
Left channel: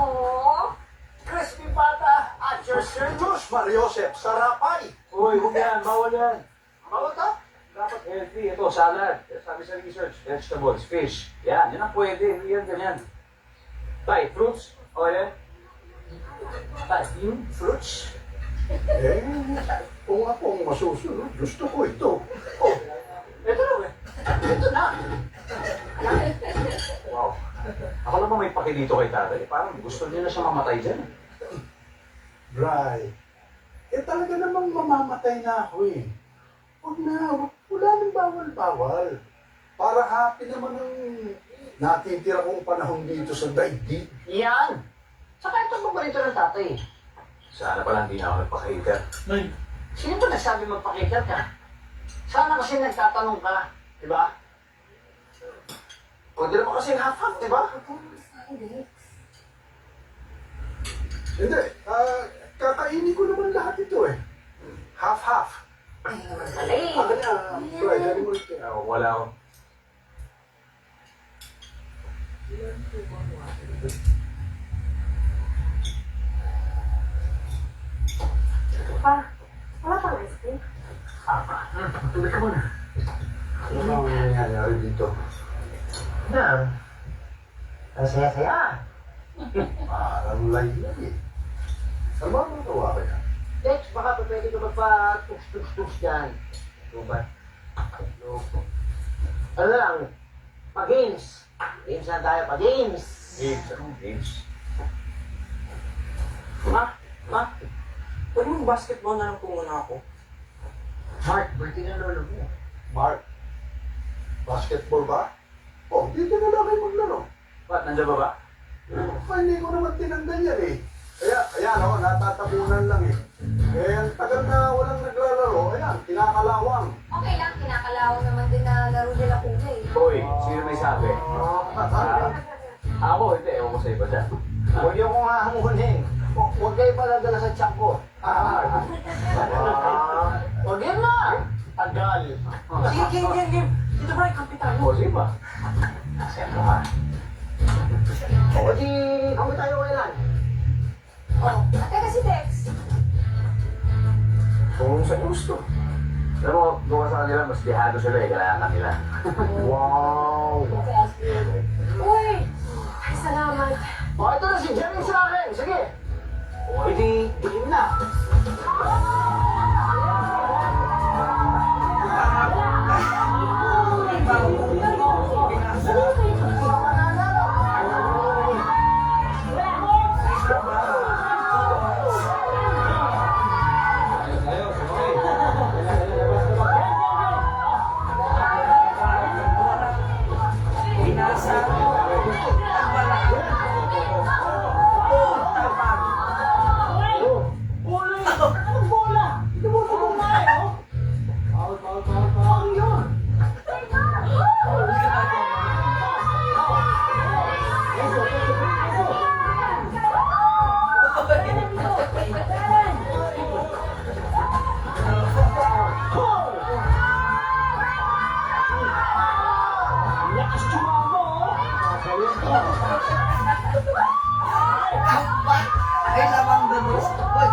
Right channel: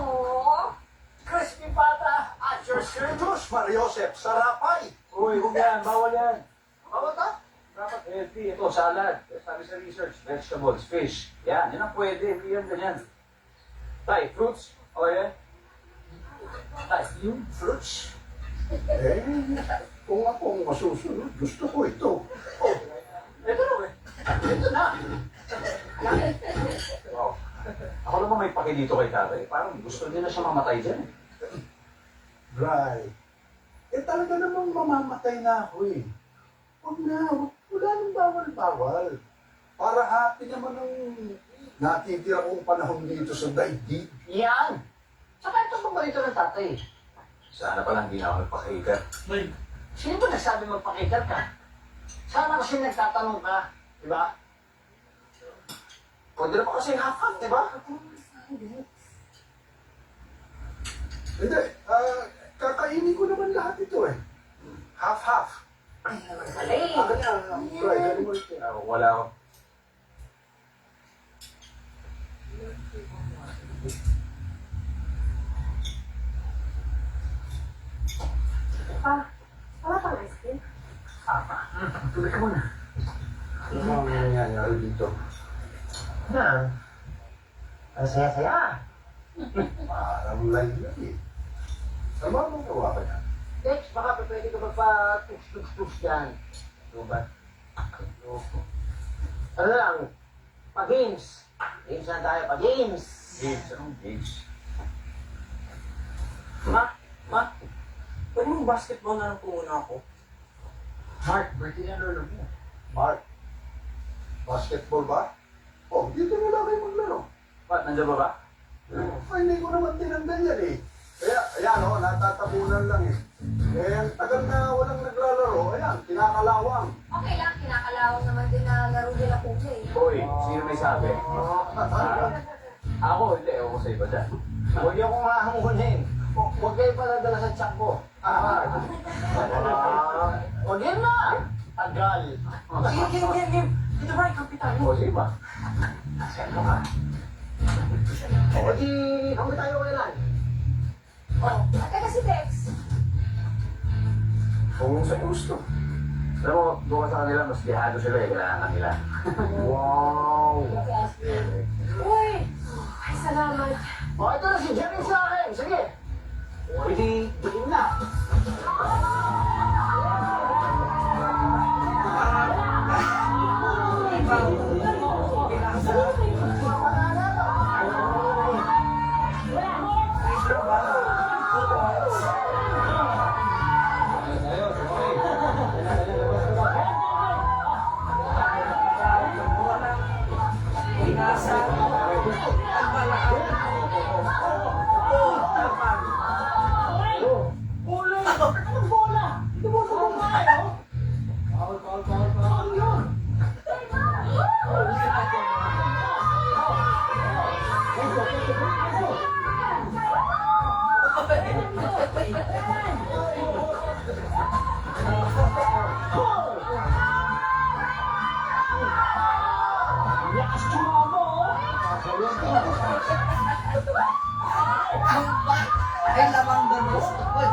Crispy pata at your service. Diyos, Mariosep, sarapay. Uy, huwag yan. Bawal yan. Bawal to? Dapat healthy. Ito, salad. Sabi sa research, vegetables, fish. Yan ang pwede. Hindi yan ganyan. Tay, fruits. O yan. Tay, yung fruits. Eh, kung ako ang masusunod, gusto ko ito. Oh, ito na. Ito na. Wow. Ako naman may paki dito kay tatay. Parang gusto niya na siya mamatay dyan. Dry. Eh talaga namang mamamatay na ako eh. Huwag na, wala nang bawal-bawal. Para happy naman ang natitira kong panahon dito sa daigdig. Yan. Saka ito ang paborito ng tatay. Sana pala hindi na ako nagpaka-hater. Sino ba nagsabi magpakita ka? Sana kasi nagtatanong ka. Diba? Pwede naman kasi half-half, diba? Hindi, kakainin ko naman lahat ito eh. Half-half. Alay. Wala ako. Pa, wala pang ice cream? Tuloy ka muna. Ano ang nangyayari dito? Na. Ang saya-saya. Parang laylag eh. Sama mo gawa kaya? Dex, baka pa pwede ka magpa-tux-tux-tux dyan. Ano ba? Ano na lang? Pa-games. Games na tayo, pa-games. Games, anong games? Pwede mong basketball na lang po muna ako. Mark, birthday na lolo mo. Mark, basketball ba? Oh, dito na lang kayo maglaro. Ba't, nandiyan ba ba? Hindi ko naman tinanggal yan eh. Kaya, ayan o, natatabunan lang eh. Eh, ang tagal na walang naglalaro, ayan, kinakalawang. Okay lang, kinakalawang naman din na laro nila kung eh. Hoy, sino may sabi? Ako, hindi. Ewan ko sa iba dyan. Huwag niyo akong hahamunin. Huwag kayo paladala sa tiyak ko. Huwag yun na! Tagal. Game. Dito ba, kampitan mo? O, sige ba? Siyempre ka. O di, kami tayo kailan? Oh, at kasi Dex. Kung sa gusto. Alam mo, doon sa kanila, mas dihado sila eh. Kailangan kanila. Wow! Uy! Ay, salamat. O, ito na si Jerry sa akin. Sige. O, hindi, dilim na. Ay, lamang doon. Uy,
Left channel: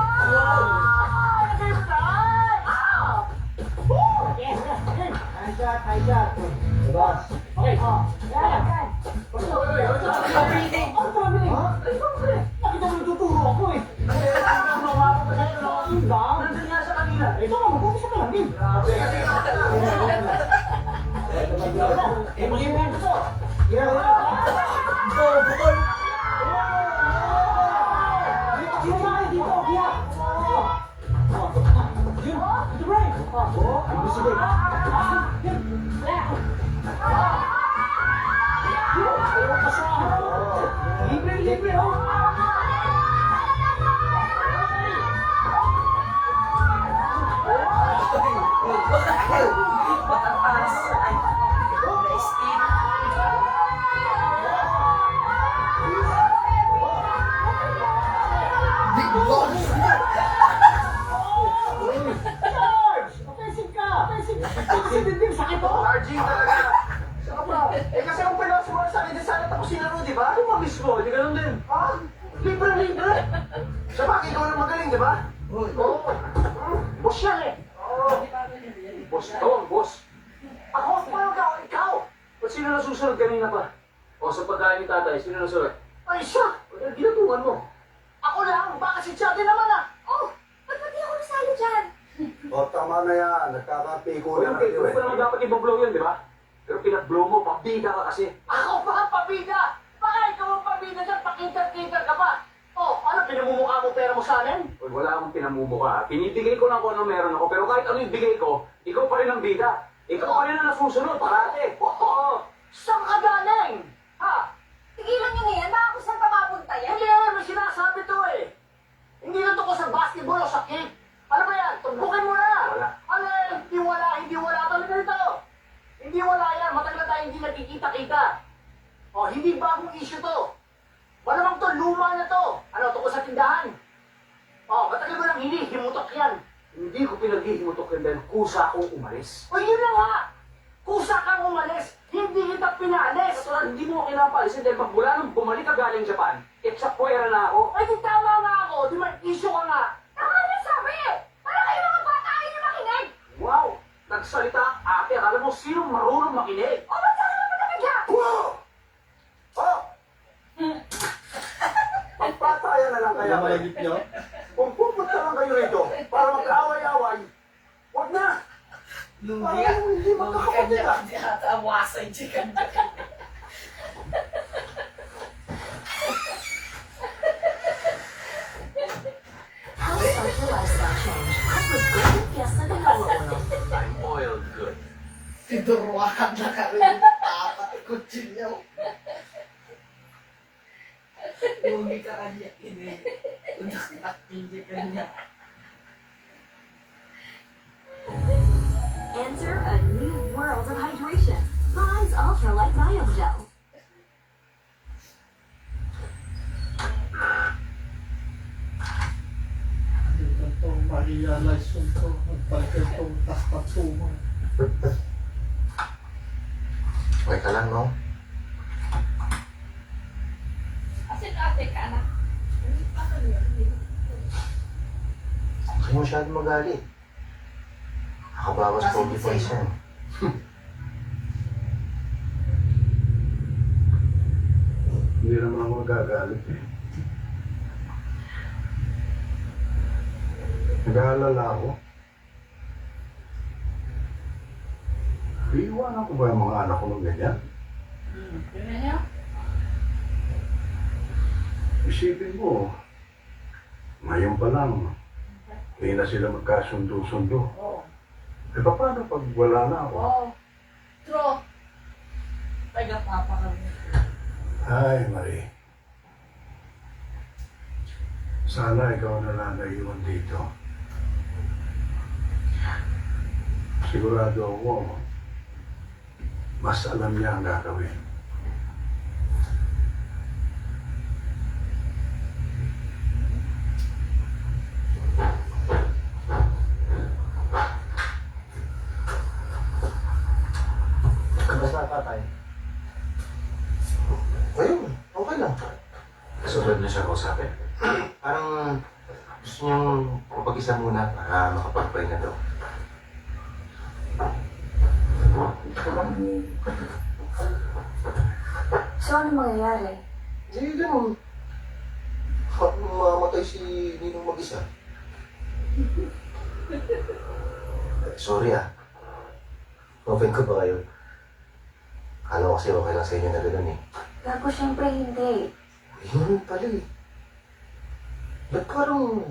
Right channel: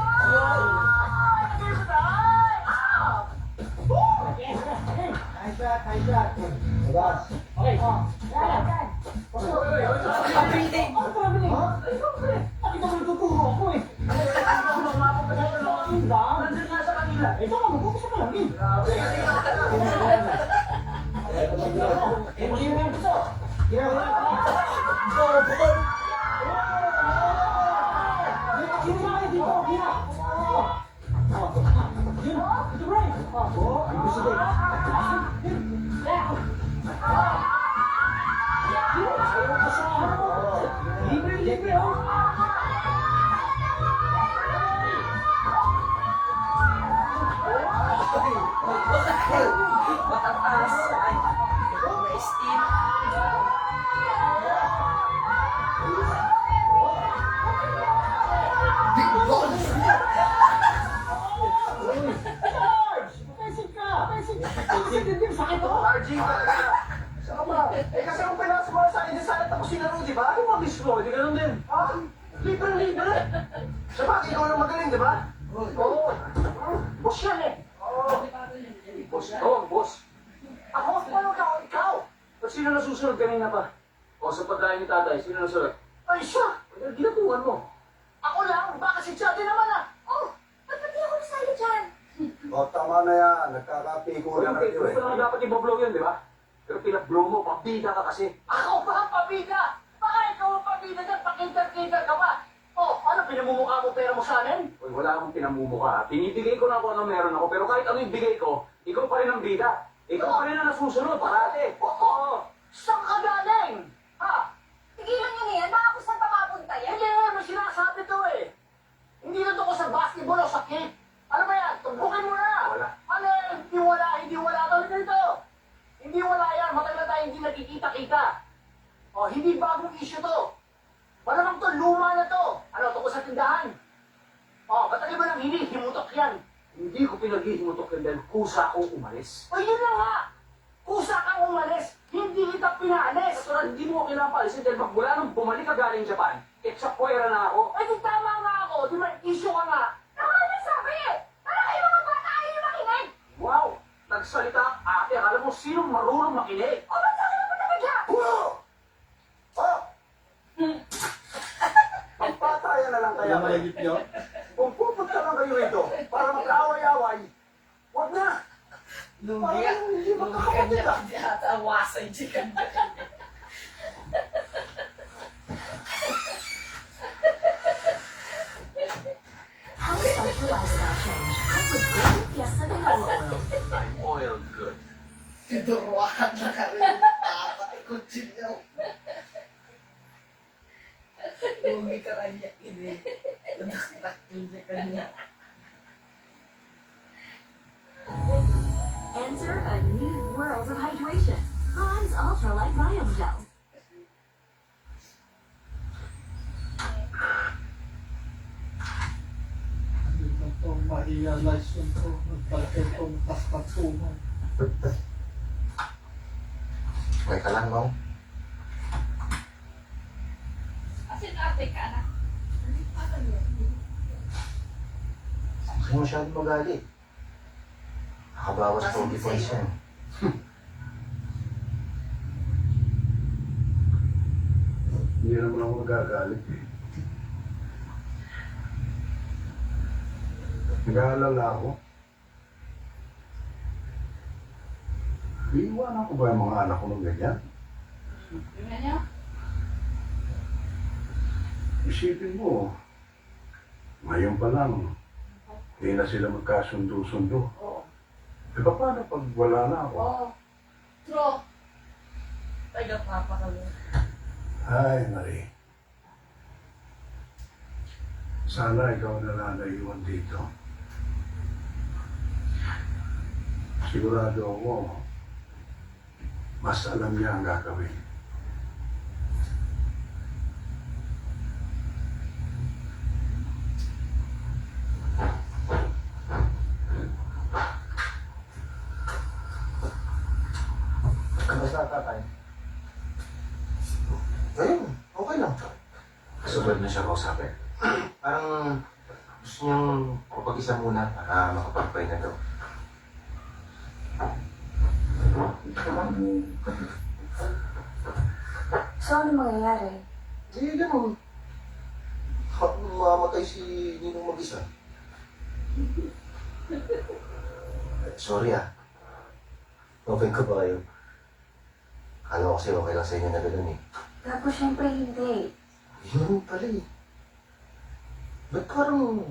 Arjing talaga. Saka ba? Eh kasi kung pinawas mo sa akin, sana tapusin na rin, di ba? Ano mamiss ko? Di ganun din. Ha? Libre. Siya ba? Ikaw na magaling, di ba? Oo. Boss yan eh. Oo. Boss ito ang boss. Ako? Paano ka? Ikaw? Ba't sino nasusunod kanina pa? O sa pagkain ni tatay, sino nasusunod? Ay siya! Ba't ginatungan mo? Ako lang! Baka si Chad din naman ah! Oh, ba't hindi ako nasali dyan? O, tama na yan. Nagkakapiko O yung na paper, kayo ko naman dapat ibablow yan, di ba? Pero pinag-blow mo, pabida ka kasi. Ako ba ang pabida? Baka ikaw ang pabida dyan, pakita-kita ka pa. Oh, ano, pinamumukha mo pera mo sa akin? Uy, wala akong pinamumukha. Pinibigay ko lang kung ano meron ako, pero kahit ano yung bigay ko, ikaw pa rin ang bida. Ikaw pa rin ang nasusunod, parate. Oo. Saan ka galing? Ha? Tigilan niyo na yan, baka kung saan pa mapunta yan. Hindi, may sinasabi to eh. Hindi na to ko sa basketball o sa kick. Ano ba yan? Tumbukin mo na. Wala. Ano, hindi wala talaga nito. Hindi wala yan. Matagal na tayo hindi nagkikita-kita. O, hindi bagong issue to. Malamang to, luma na to. Ano, tungkol sa tindahan. O, matagal mo nang hindi, himutok yan. Hindi ko pinaghihimutok yan dahil kusa akong umalis. O, yun na nga. Kusa kang umalis. Hindi kita pinaalis. Kaya hindi mo ako kinapalisin dahil magmula nung bumalik ka galing Japan, etsakwera na ako. Ay, di tama nga ako. Di ba, issue ka nga. Tama na sabi eh! Para kayo mga bata, kayo makinig! Wow! Nagsalita ang ate, akala mo sinong marunong makinig? O, ba't saan ka naman nakadya? Oh! Pagpatayan na lang kaya kayo. Kung pupunta lang kayo rito para magkaaway-away, huwag na! lugi ka. Hindi Lugi ka magkakapatid niya. Hindi ata awasan chicken. How does your lifestyle change? Come with Golden Fiesta de Coco Oil. I'm oil good. Tiduruakan na ka rin. Tama, kutsilyo. Lugi ka kanya. Hindi ka niya. Enter a new world of hydration. Mine's Ultralight Biome Gel. Dito po ma-realize yun po. Nagpalagay pong taskatungan. Okay ka lang, no? Ate ka na. Hindi mo masyadong magalit. Nakabawas pogi points yan. Hindi naman ako magagalit eh. Nag-aalala ako. Iiwanan ko ba yung mga anak ko ng ganyan? Yun na niya. Isipin mo, ngayon pa lang, hindi na sila magkasundo-sundo. Oo. E paano pag wala na ako? Oo. True. Taga-papa kami. Ay, Marie. Sana ikaw na lang naiwan dito. Sigurado ako, mas alam niya ang gagawin. Kamusta tatay? Ayun, okay lang. So, Sunod na siya kausapin. Parang gusto niyang kapag-isa muna para makapagpahinga daw. So, ano mangyayari? Hindi lang. Mamamatay si Ninong mag-isa. Sorry Open ko ba kayo? Akala ko kasi okay lang sa inyo na gano'n eh. Gago, syempre hindi. Yun pala eh. Ba't parang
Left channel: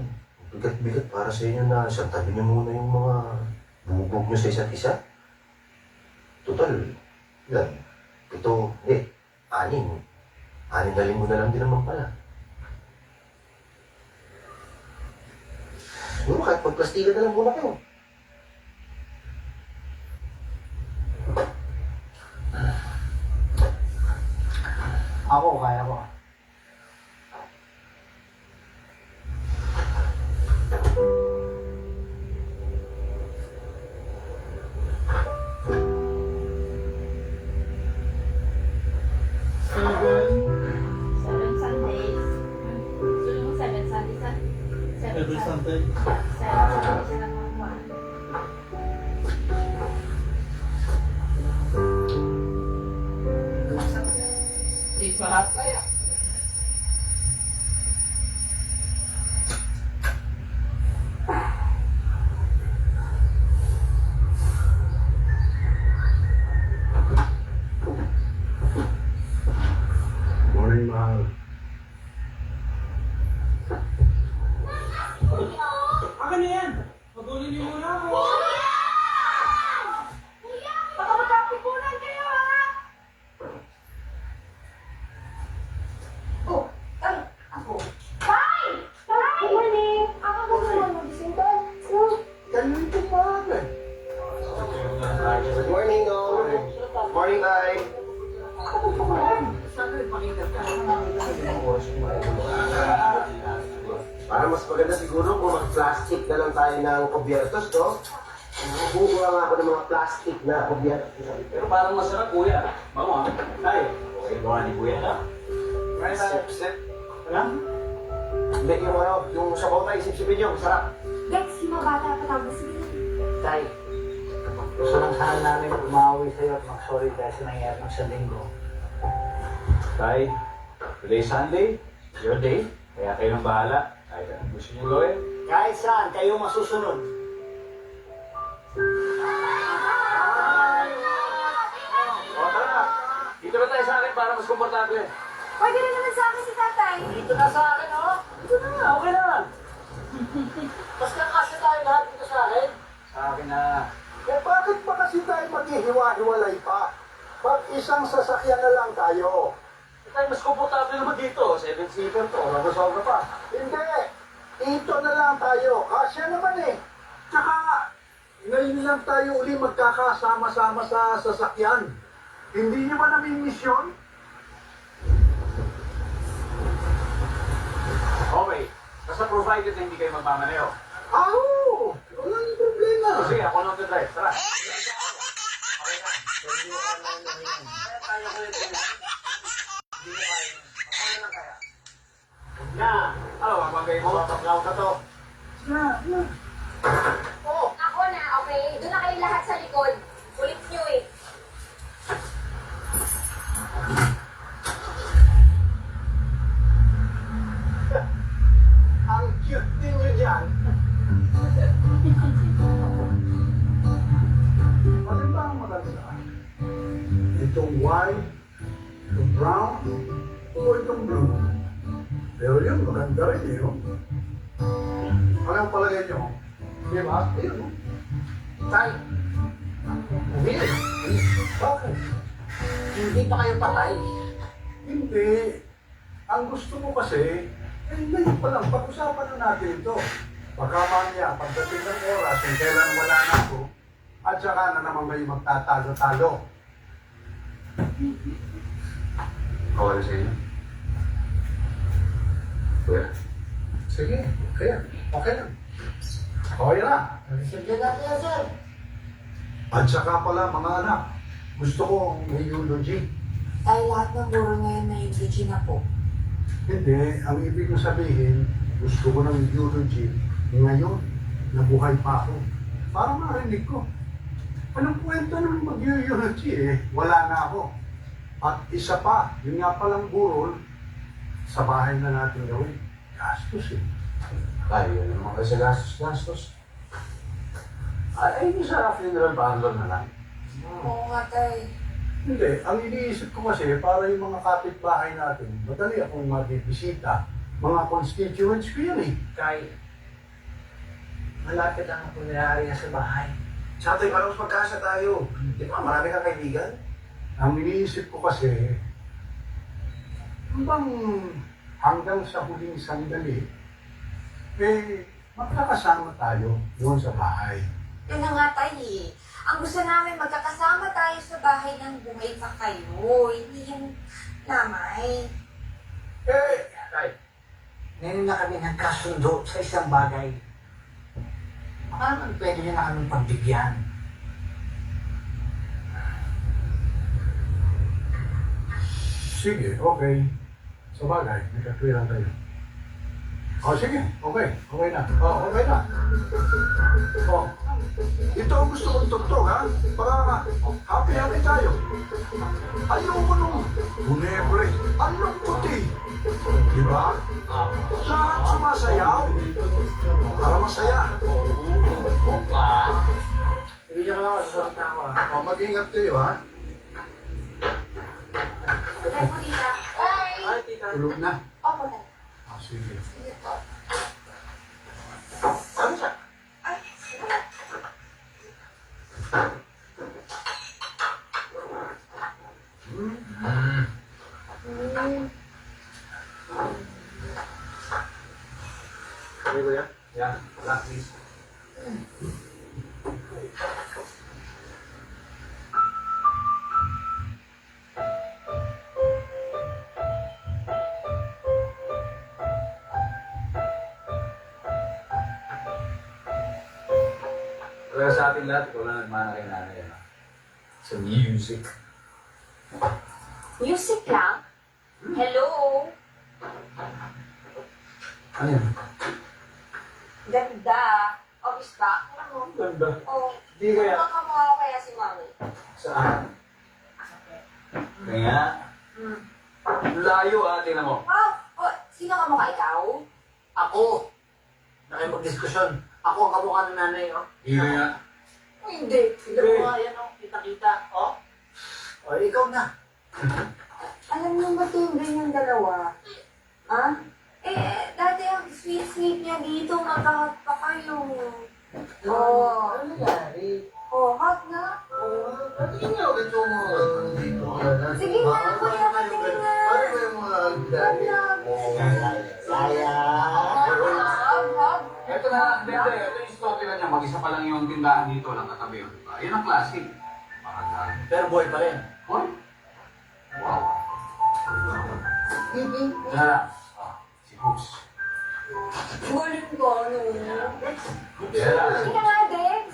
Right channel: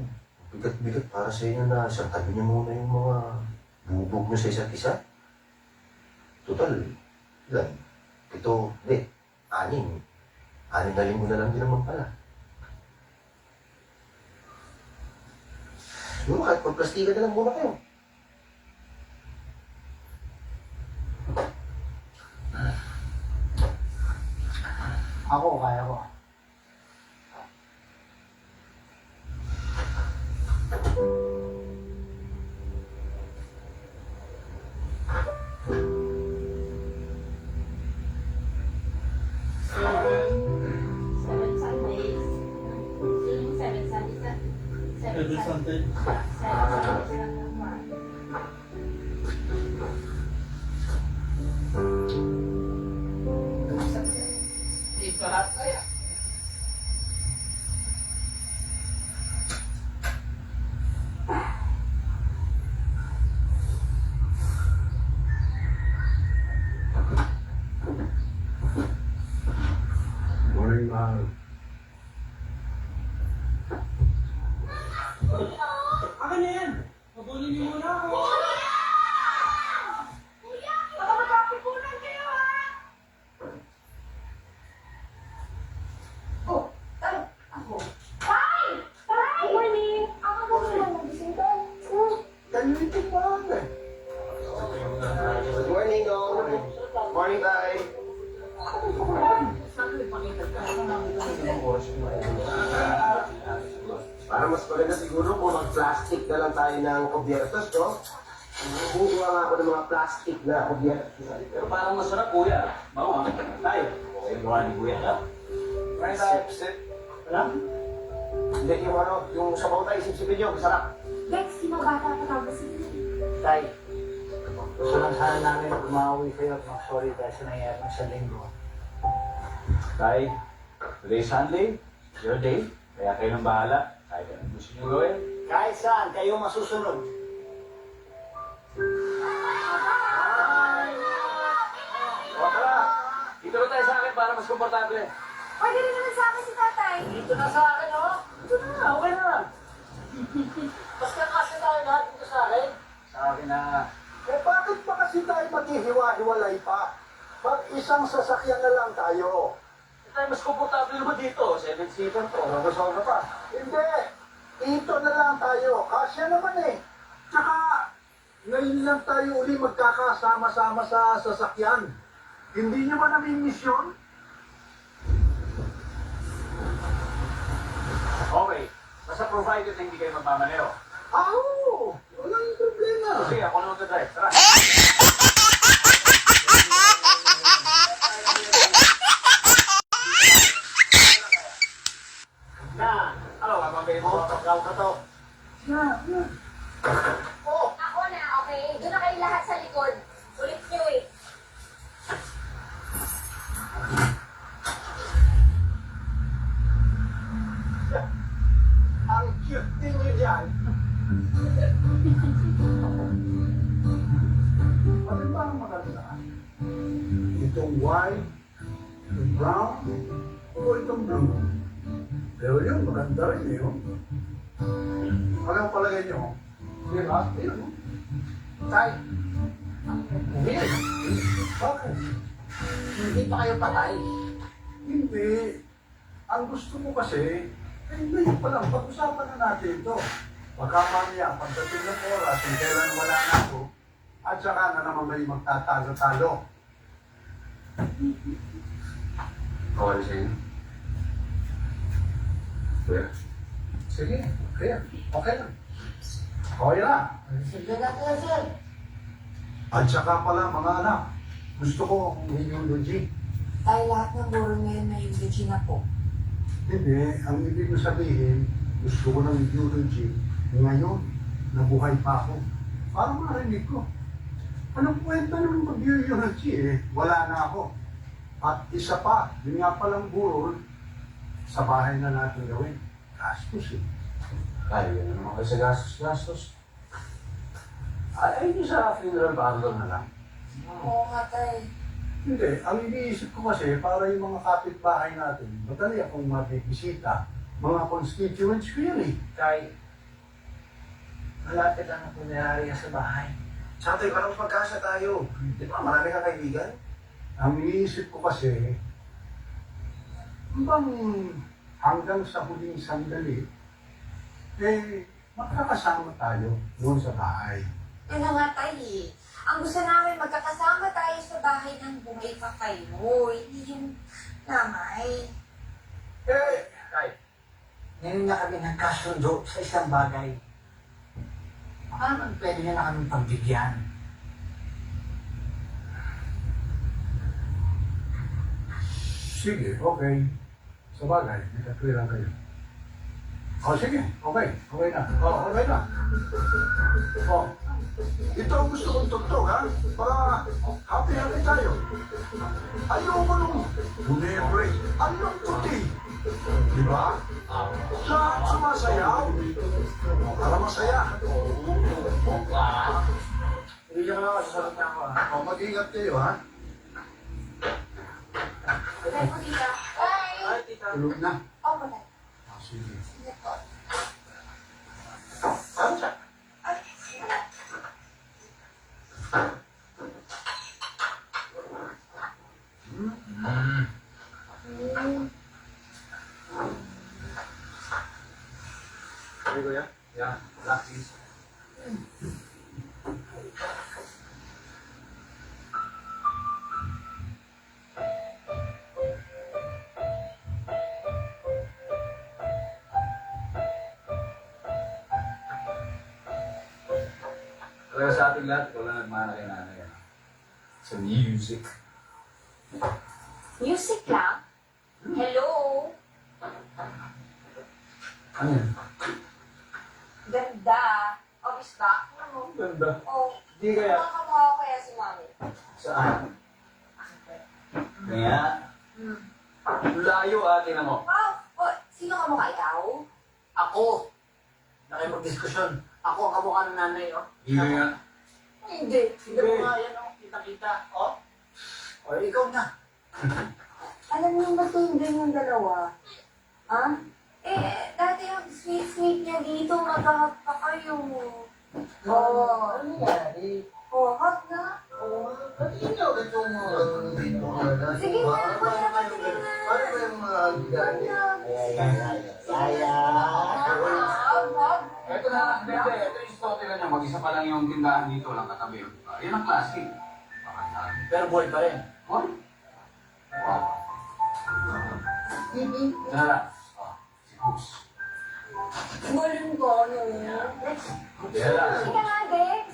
bigat-bigat para sa inyo na isang tabi niyo muna yung mga bubog niyo sa isa't isa? Total, ilan? 7, hindi, 6. 6 na linggo na lang din naman pala. Siguro kahit magplastikan na lang muna kayo. Ako, kaya ko. Hindi ko lahat kaya. Morning, mahal. Akin na yan! Pagulin niyo muna ako! Ganito pa Good morning, all. Morning, Tay. Para mas maganda siguro kung mag-plastic na lang tayo ng kubyertos, no? Bubuha nga ako ng mga plastic na kubyertos. Pero parang masarap, kuya. Mama, tay. Okay, gawa ni kuya ka. Right, tayo. Wala? Hindi, yung sabaw tayo, isip-sipin nyo, masarap. Dex, si mabata pa tapos Tay, gusto lang sana namin umawi sa'yo at mag-sorry dahil sa nangyari ng sa linggo. Tay, today's Sunday, your day. Kaya kayo nang bahala. Kahit anong gusto niyo gawin. Kahit saan, kayo masusunod. O tara, dito na tayo sa akin para mas komportable. Pwede rin naman sa akin si tatay. Dito na sa akin, oh. Dito na, okay na. Basta kasi tayo lahat dito sa akin. Sa akin na. Eh bakit pa kasi tayo maghihiwa-hiwalay pa? Pag isang sasakyan na lang tayo. Tayo mas komportable naman dito. 7-seater to. Magusolve pa. Hindi. Dito na lang tayo. Kasya naman eh. Tsaka, ngayon lang tayo uli magkakasama-sama sa sasakyan. Hindi nyo ba namimiss yun? Okay. Basta provided na hindi kayo magmamaneo. Oo! Walang problema. Sige, ako lang drive. Tara. Na, Ano, mapagay mo? pagkaw ka to. Oh, ako na, okay? Doon na kayo lahat sa likod. Ulit nyo eh. Ang cute din nyo dyan. Ano ba ang maganda? Itong white, itong brown, o itong blue. Pero yun, maganda rin eh, no? Ano ang palagay nyo? Di ba? Yun, no? Tay, Hindi. Bakit? hindi pa kayo patay. Hindi. Ang gusto mo kasi, eh, ngayon pa lang, pag-usapan na natin ito. Baka mamaya, pagdating ng oras, kung kailan wala na ako, at saka na naman may magtatalo-talo. Okay na sa inyo? Kuya? Sige, kaya, okay lang. Okay lang. Sige natin, sir. At saka pala, mga anak, gusto ko may eulogy. Ay, lahat ng buro ngayon may eulogy na po. Hindi, ang ibig ko sabihin, gusto ko ng eulogy ngayon, nabuhay pa ako. Para marinig ko. Anong kwento ng mag-eulogy eh? Wala na ako. At isa pa, yun nga palang burol, sa bahay na natin gawin. Gastos eh. Tayo na naman kasi gastos. Ay, hindi sa funeral parlor na lang. Oo nga, tay. Hindi, ang iniisip ko kasi, para yung mga kapitbahay natin, madali akong mabibisita. Mga constituents ko yun eh. Tay, malapit ang punerarya sa bahay. Tsaka tayo, parang magkasa tayo. Di ba, marami kang kaibigan? Ang iniisip ko kasi, bang hanggang sa huling sandali, magkakasama tayo doon sa bahay. Yan na nga, tay. Ang gusto namin, magkakasama tayo sa bahay ng buhay pa kayo. Hindi yung namay. Tay, ngayon na kami nagkasundo sa isang bagay. Baka naman pwede niya na kaming pagbigyan. Sige, okay. Sa bagay, magkakwiran tayo. Sige, okay. Okay na. Okay na. Ito ang gusto kong tugtog, ha? Para happy tayo. Ayoko nung bunebre. Anong puti? Di ba? Lahat sumasayaw. Para masaya. Hindi ka lang sasagot na ako. Mag-ingat kayo, ha? Tay po, tita. Bye! Ay, tita. Tulog na. Opo, tay. Sige. Sige po. Ano siya? Ay, sige. Okay, kuya? Yeah, relax, please. Pero sa ating lahat, wala nagmana kay nanay. Sa music. Music lang? Hello? Ano yun? Ganda. Obvious ba? Ano? Ganda. Oh, Di kaya. kamukha ko kaya si Mami. Saan? Kaya, layo ate na mo. Wow! Oh, sino kamukha ikaw? Ako. Nakipag-diskusyon. Ako ang kamukha ng nanay, oh. Hindi kaya. Hindi. Tignan mo nga yan, oh. Kita-kita, oh. O, ikaw na. Alam niyo ba tingin yung dalawa? Ha? Dati ang sweet-sweet niya dito, mag-hot pa kayo. Oo. Ano nangyari? Oh, hot na? Patingin niyo ito mo. Dito. Sige na, kuya, patingin na. Ano ba yung mga Ito na, hindi, ito yung story na niya. Mag-isa pa lang yung tindahan dito lang katabi. Yun ang classic. Pero boy pa rin. Hoy? Wow. Tara. Si Cooks. Galing ko, ano? Sige nga, Dex.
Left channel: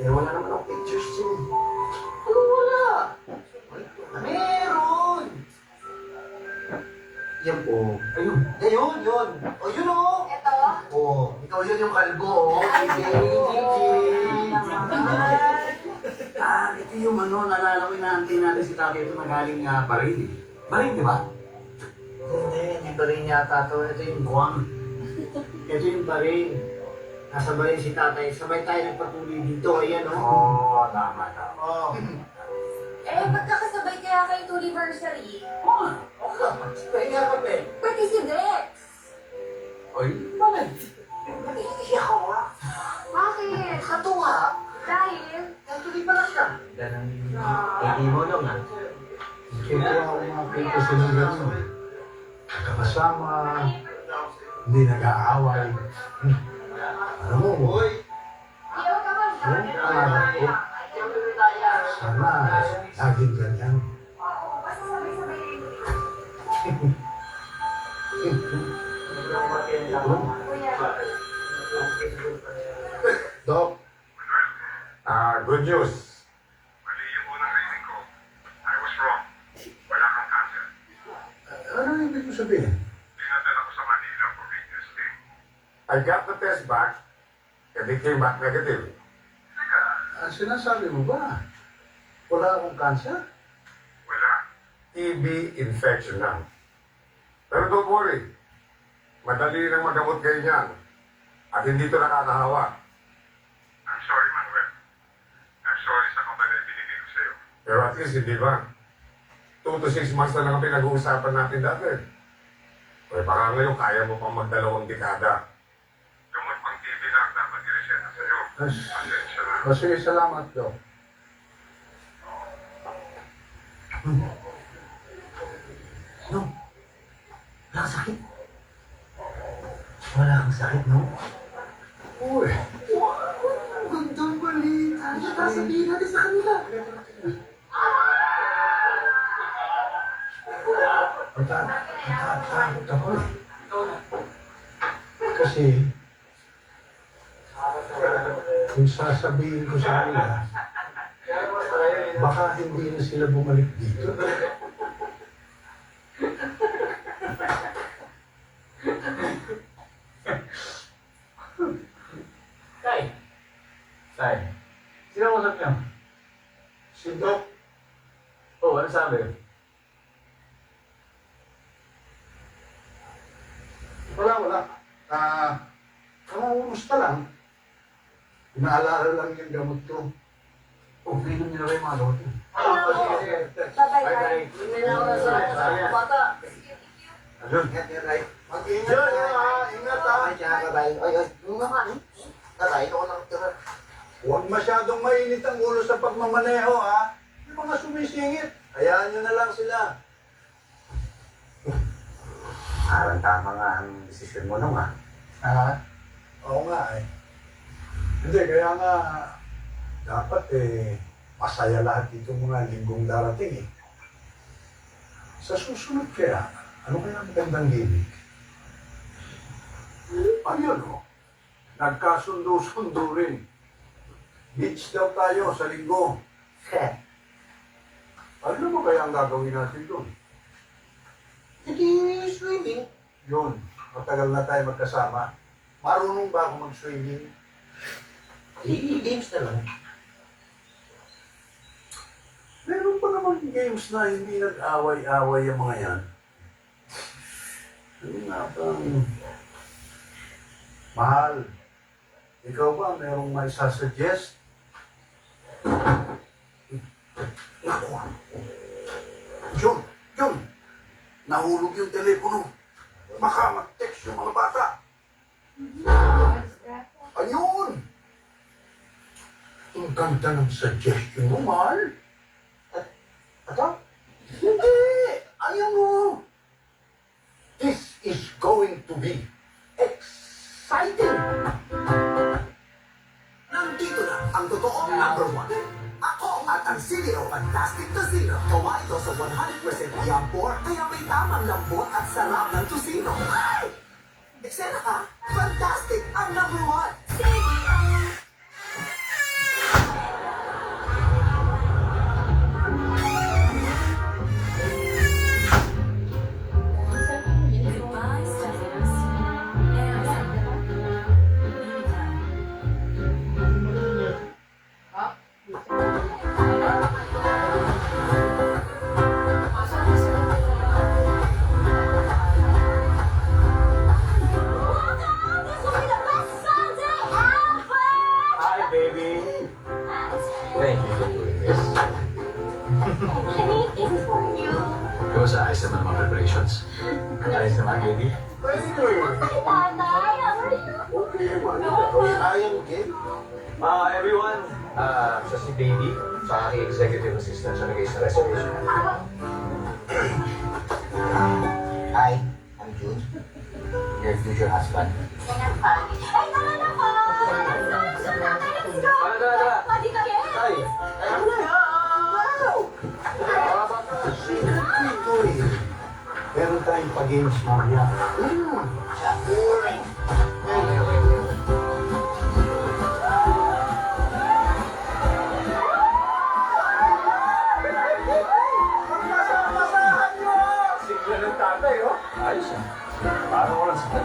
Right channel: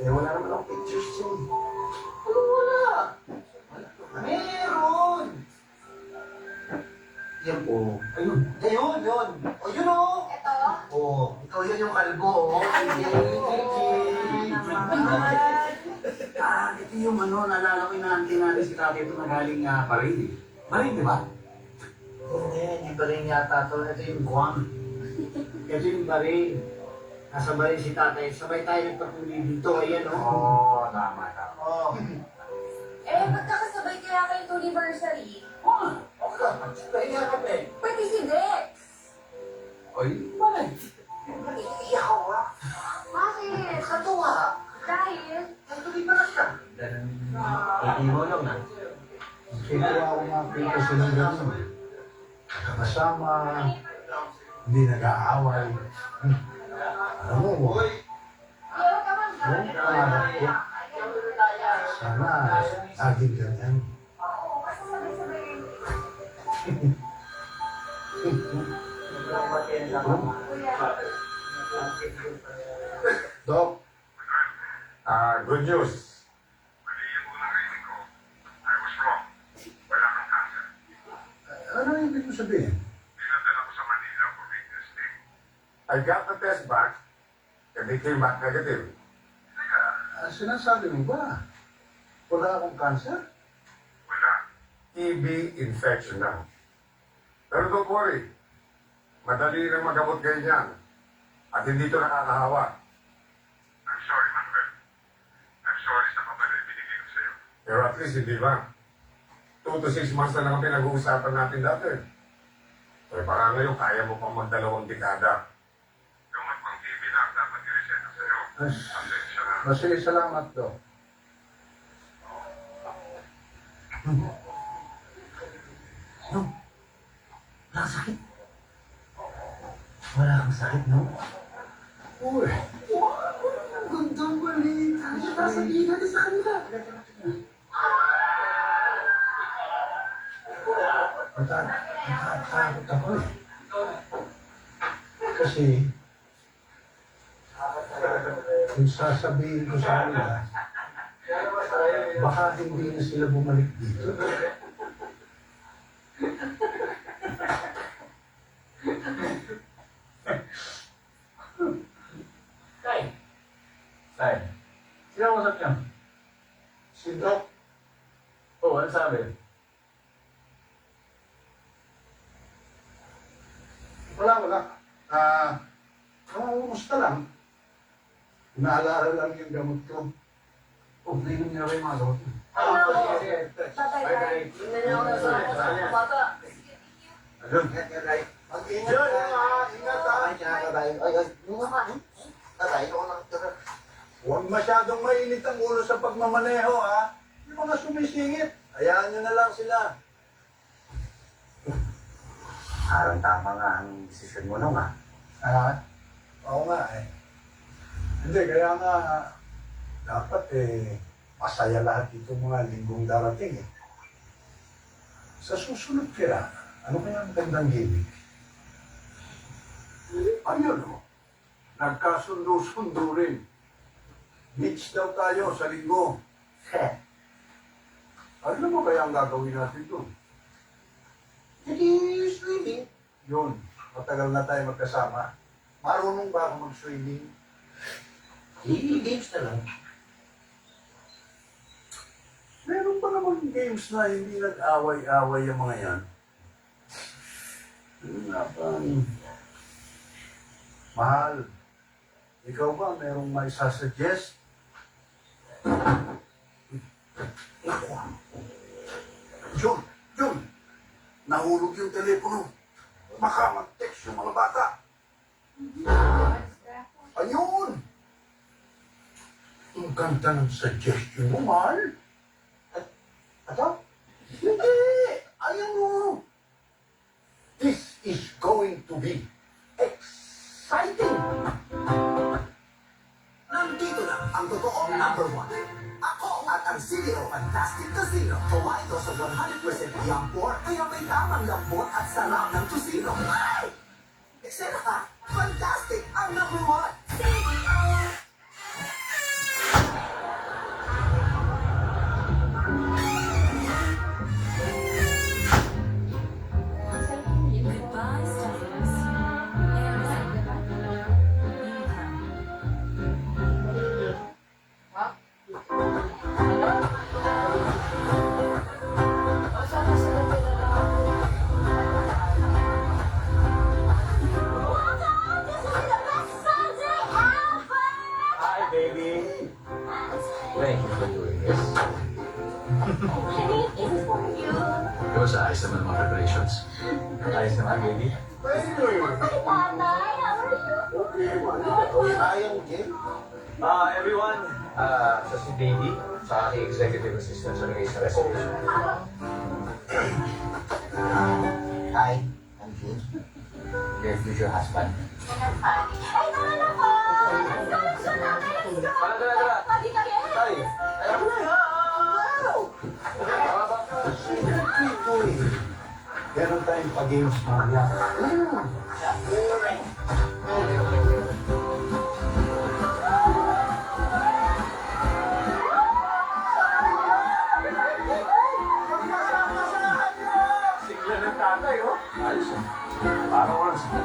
Wala naman akong pictures dyan. Ano wala? Meron! Yan po. Ayun. Ayun, yun. O, yun o. Ito. Oh, ikaw yun yung kalbo, oh. Ito yung naalala ko inaantay natin si tatay ito na galing Bahrain eh. Bahrain, di ba? Hindi ba rin yata ito? Ito yung Guam. Ito yung Bahrain. Nasa Bahrain si tatay. Sabay tayo nagpatuloy dito. Ayan, oh. Tama. Oh. Magkakasabay kaya kayo 2 anniversary. Pahinga ka, Ben. Pati si Dex. Oy, bakit? Nag-iiyak ako, ha? Bakit? Katuwa. Dahil? Ay, tuloy pa na siya. Iiwalong na. Kaya ako makita sila gano'n. Kasama, hindi nag-aaway. Alam mo, Ayaw ka man. yung pangarap ko, sana laging ganyan. Dok, Ah, good news. Mali yung unang reading ko. I was wrong. Wala mo sabihin? Pinadala ko sa Manila for retesting. I got the test back and it came back negative. Sinasabi mo ba? Wala akong cancer? Wala. TB infection lang. Pero don't worry. Madali nang magamot kayo niyan. At hindi ito nakakahawa. I'm sorry, Manuel. I'm sorry sa kapal na binigay ko sa'yo. Pero at least, hindi ba? 2 to 6 months na lang pinag-uusapan natin dati. Eh, baka ngayon kaya mo pang magdalawang dekada. Gamot pang TV lang dapat i-reseta sa'yo. Pasensya na. Sige, salamat, Dok. No. Wala kang sakit. Wala kang sakit, no? Uy, Gandang balita. Sasabihin natin sa kanila. natatakot ako eh. Kasi, kung sasabihin ko sa kanila, baka hindi na sila bumalik dito. Tay. Tay. Sino ang usap niyo? Si Doc, Oh, ano sabi? wala. Kumusta lang. Inaalala lang yung gamot ko. Oh, pinam niyo na ba yung mga gamot niyo? Sige. Bye-bye. Bata. Ayun. Mag-ingat ha. Ingat ha. Huwag masyadong mainit ang ulo sa pagmamaneho ha. Yung mga sumisingit, hayaan nyo na lang sila. Parang tama nga ang desisyon mo nung ah. Ha? Oo nga eh. Hindi, kaya nga dapat masaya lahat itong mga linggong darating eh. Sa susunod kaya, ano kaya magandang gimmick? Ayun o, nagkasundo-sundo rin. Beach daw tayo sa linggo. Ano mo kaya ang gagawin natin doon? Hindi swimming. Yun, matagal na tayo magkasama. Marunong ba ako mag-swimming? Games na lang. Meron pa naman games na hindi nag-away-away yung mga yan. Ano nga bang... Mahal, ikaw ba merong may sasuggest? John! Nahulog yung telepono. Baka mag-text yung mga bata. Ayun! Ang ganda ng suggestion mo, mahal. Ata? Hindi! Ayan mo! This is going to be exciting! Nandito na ang totoong number 1. Ako at ang CEO Fantastic Casino. Kumain ko sa 100% yampor, kaya may tamang lambot at sarap ng tusino. Ay! Eksena ka? Fantastic ang number 1. Hi, baby. Thank you for doing this. Kung sa ayos naman mga preparations. Ayos naman, baby. Everyone, siya si Davey, sa aking executive assistant sa nag-ayos na reservation. Hi, I'm June. Your future husband. Tay! Ito eh. Meron tayong pag-games mamaya. Sigla ng tatay, oh. Ayos, ah. Parang walang sakit.